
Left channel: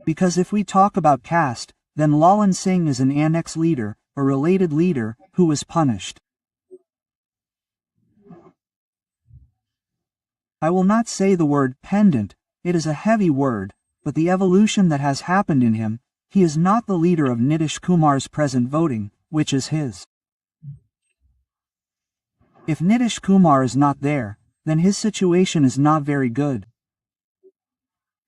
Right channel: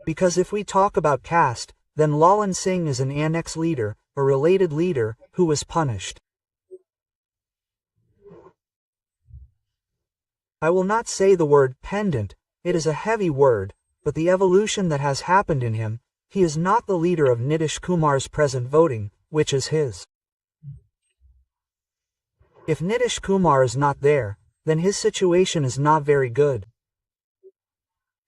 Because if we talk about caste, then Lalan Singh is an annex leader, a related leader, who was punished. I will not say the word pendant, it is a heavy word, but the evolution that has happened in him, he is not the leader of Nitish Kumar's present voting, which is his. If Nitish Kumar is not there, then his situation is not very good.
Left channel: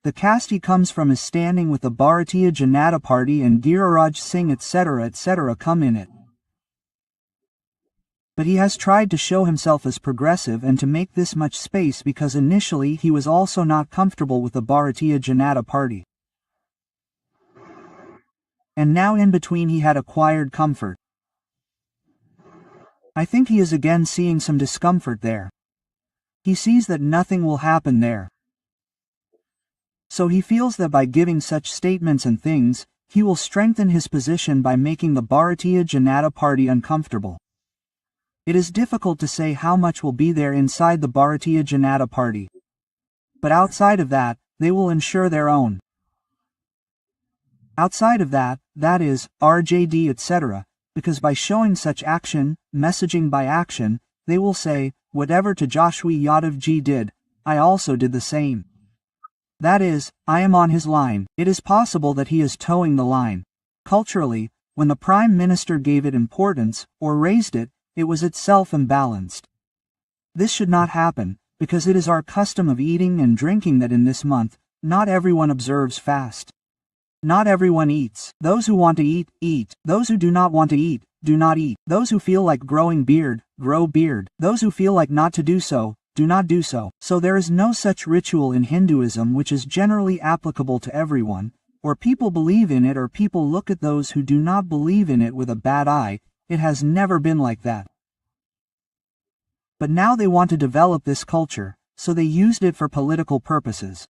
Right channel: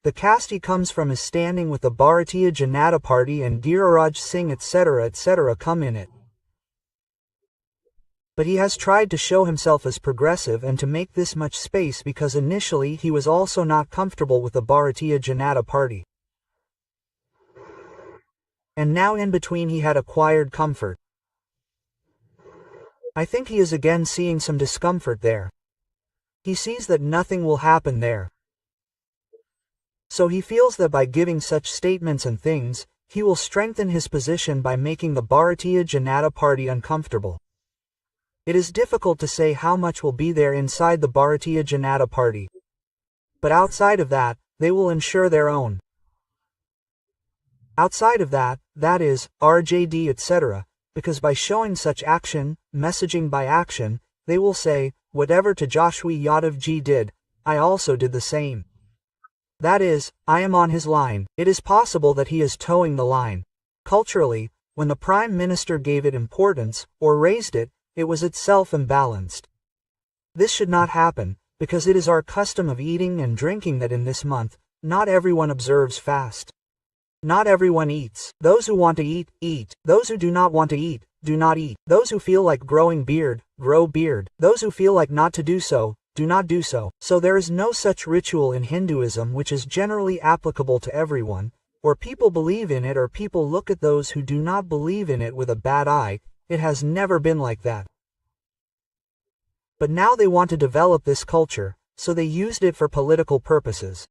The caste he comes from is standing with the Bharatiya Janata Party and Giriraj Singh etc. come in it. But he has tried to show himself as progressive and to make this much space because initially he was also not comfortable with the Bharatiya Janata Party. And now in between he had acquired comfort. I think he is again seeing some discomfort there. He sees that nothing will happen there. So he feels that by giving such statements and things, he will strengthen his position by making the Bharatiya Janata Party uncomfortable. It is difficult to say how much will be there inside the Bharatiya Janata Party. But outside of that, they will ensure their own. Outside of that, that is, RJD etc., because by showing such action, messaging by action, they will say, whatever Tejaswi Yadav ji did, I also did the same. That is, I am on his line. It is possible that he is towing the line. Culturally, when the Prime Minister gave it importance, or raised it, it was itself imbalanced. This should not happen, because it is our custom of eating and drinking that in this month, not everyone observes fast. Not everyone eats. Those who want to eat, eat. Those who do not want to eat, do not eat. Those who feel like growing beard, grow beard. Those who feel like not to do so, do not do so. So there is no such ritual in Hinduism which is generally applicable to everyone, or people believe in it or people look at those who do not believe in it with a bad eye. It has never been like that. But now they want to develop this culture, so they used it for political purposes.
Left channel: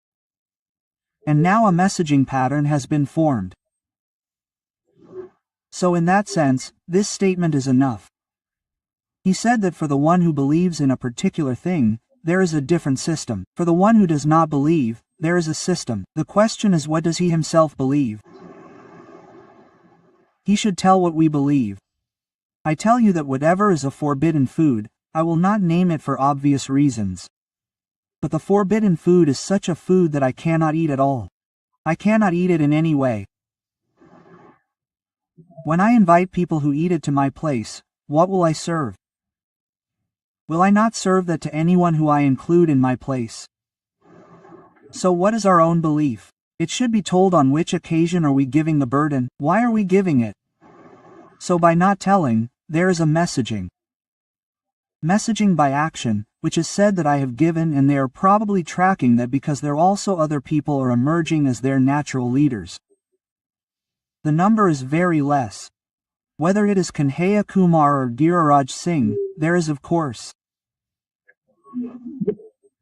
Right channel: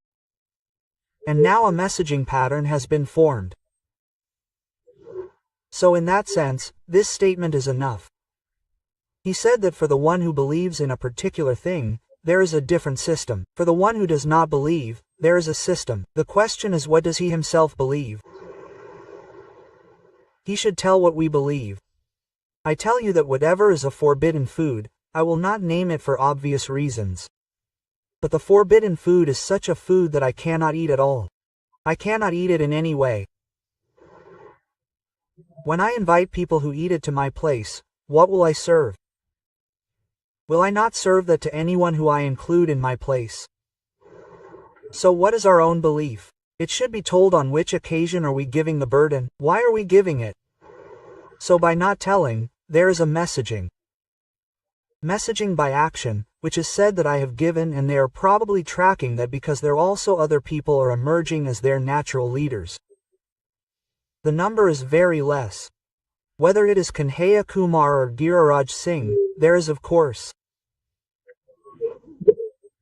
And now a messaging pattern has been formed. So in that sense, this statement is enough. He said that for the one who believes in a particular thing, there is a different system. For the one who does not believe, there is a system. The question is, what does he himself believe? He should tell what we believe. I tell you that whatever is a forbidden food, I will not name it for obvious reasons. But the forbidden food is such a food that I cannot eat at all. I cannot eat it in any way. When I invite people who eat it to my place, what will I serve? Will I not serve that to anyone who I include in my place? So what is our own belief? It should be told on which occasion are we giving the burden, why are we giving it? So by not telling, there is a messaging. Messaging by action, which is said that I have given, and they are probably tracking that because there also other people are emerging as their natural leaders. The number is very less. Whether it is Kanhaiya Kumar or Giriraj Singh, there is of course.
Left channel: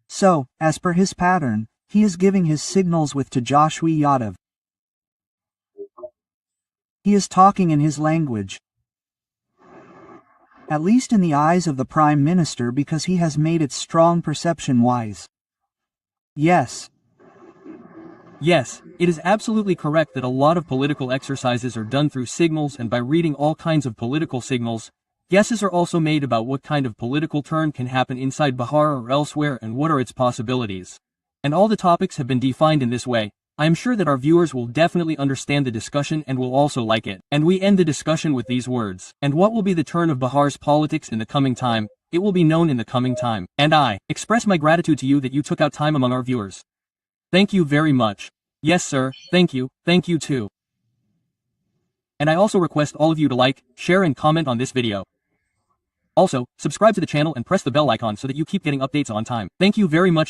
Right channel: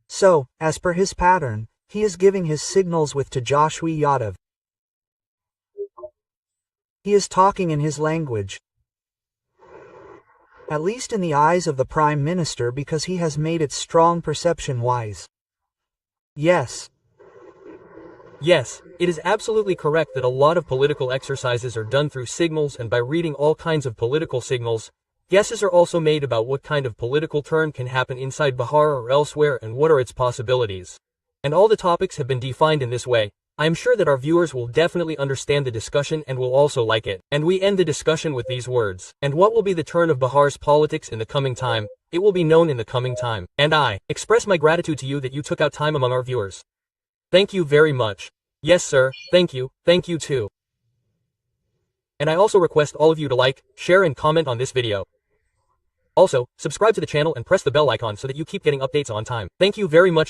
So, as per his pattern, he is giving his signals with Tejaswi Yadav. He is talking in his language. At least in the eyes of the Prime Minister, because he has made it strong perception-wise. Yes. Yes, it is absolutely correct that a lot of political exercises are done through signals, and by reading all kinds of political signals, guesses are also made about what kind of political turn can happen inside Bihar or elsewhere and what are its possibilities. And all the topics have been defined in this way. I am sure that our viewers will definitely understand the discussion and will also like it. And we end the discussion with these words. And what will be the turn of Bihar's politics in the coming time? It will be known in the coming time. And I express my gratitude to you that you took out time among our viewers. Thank you very much. Yes, sir, thank you too. And I also request all of you to like, share and comment on this video. Also, subscribe to the channel and press the bell icon so that you keep getting updates on time. Thank you very much.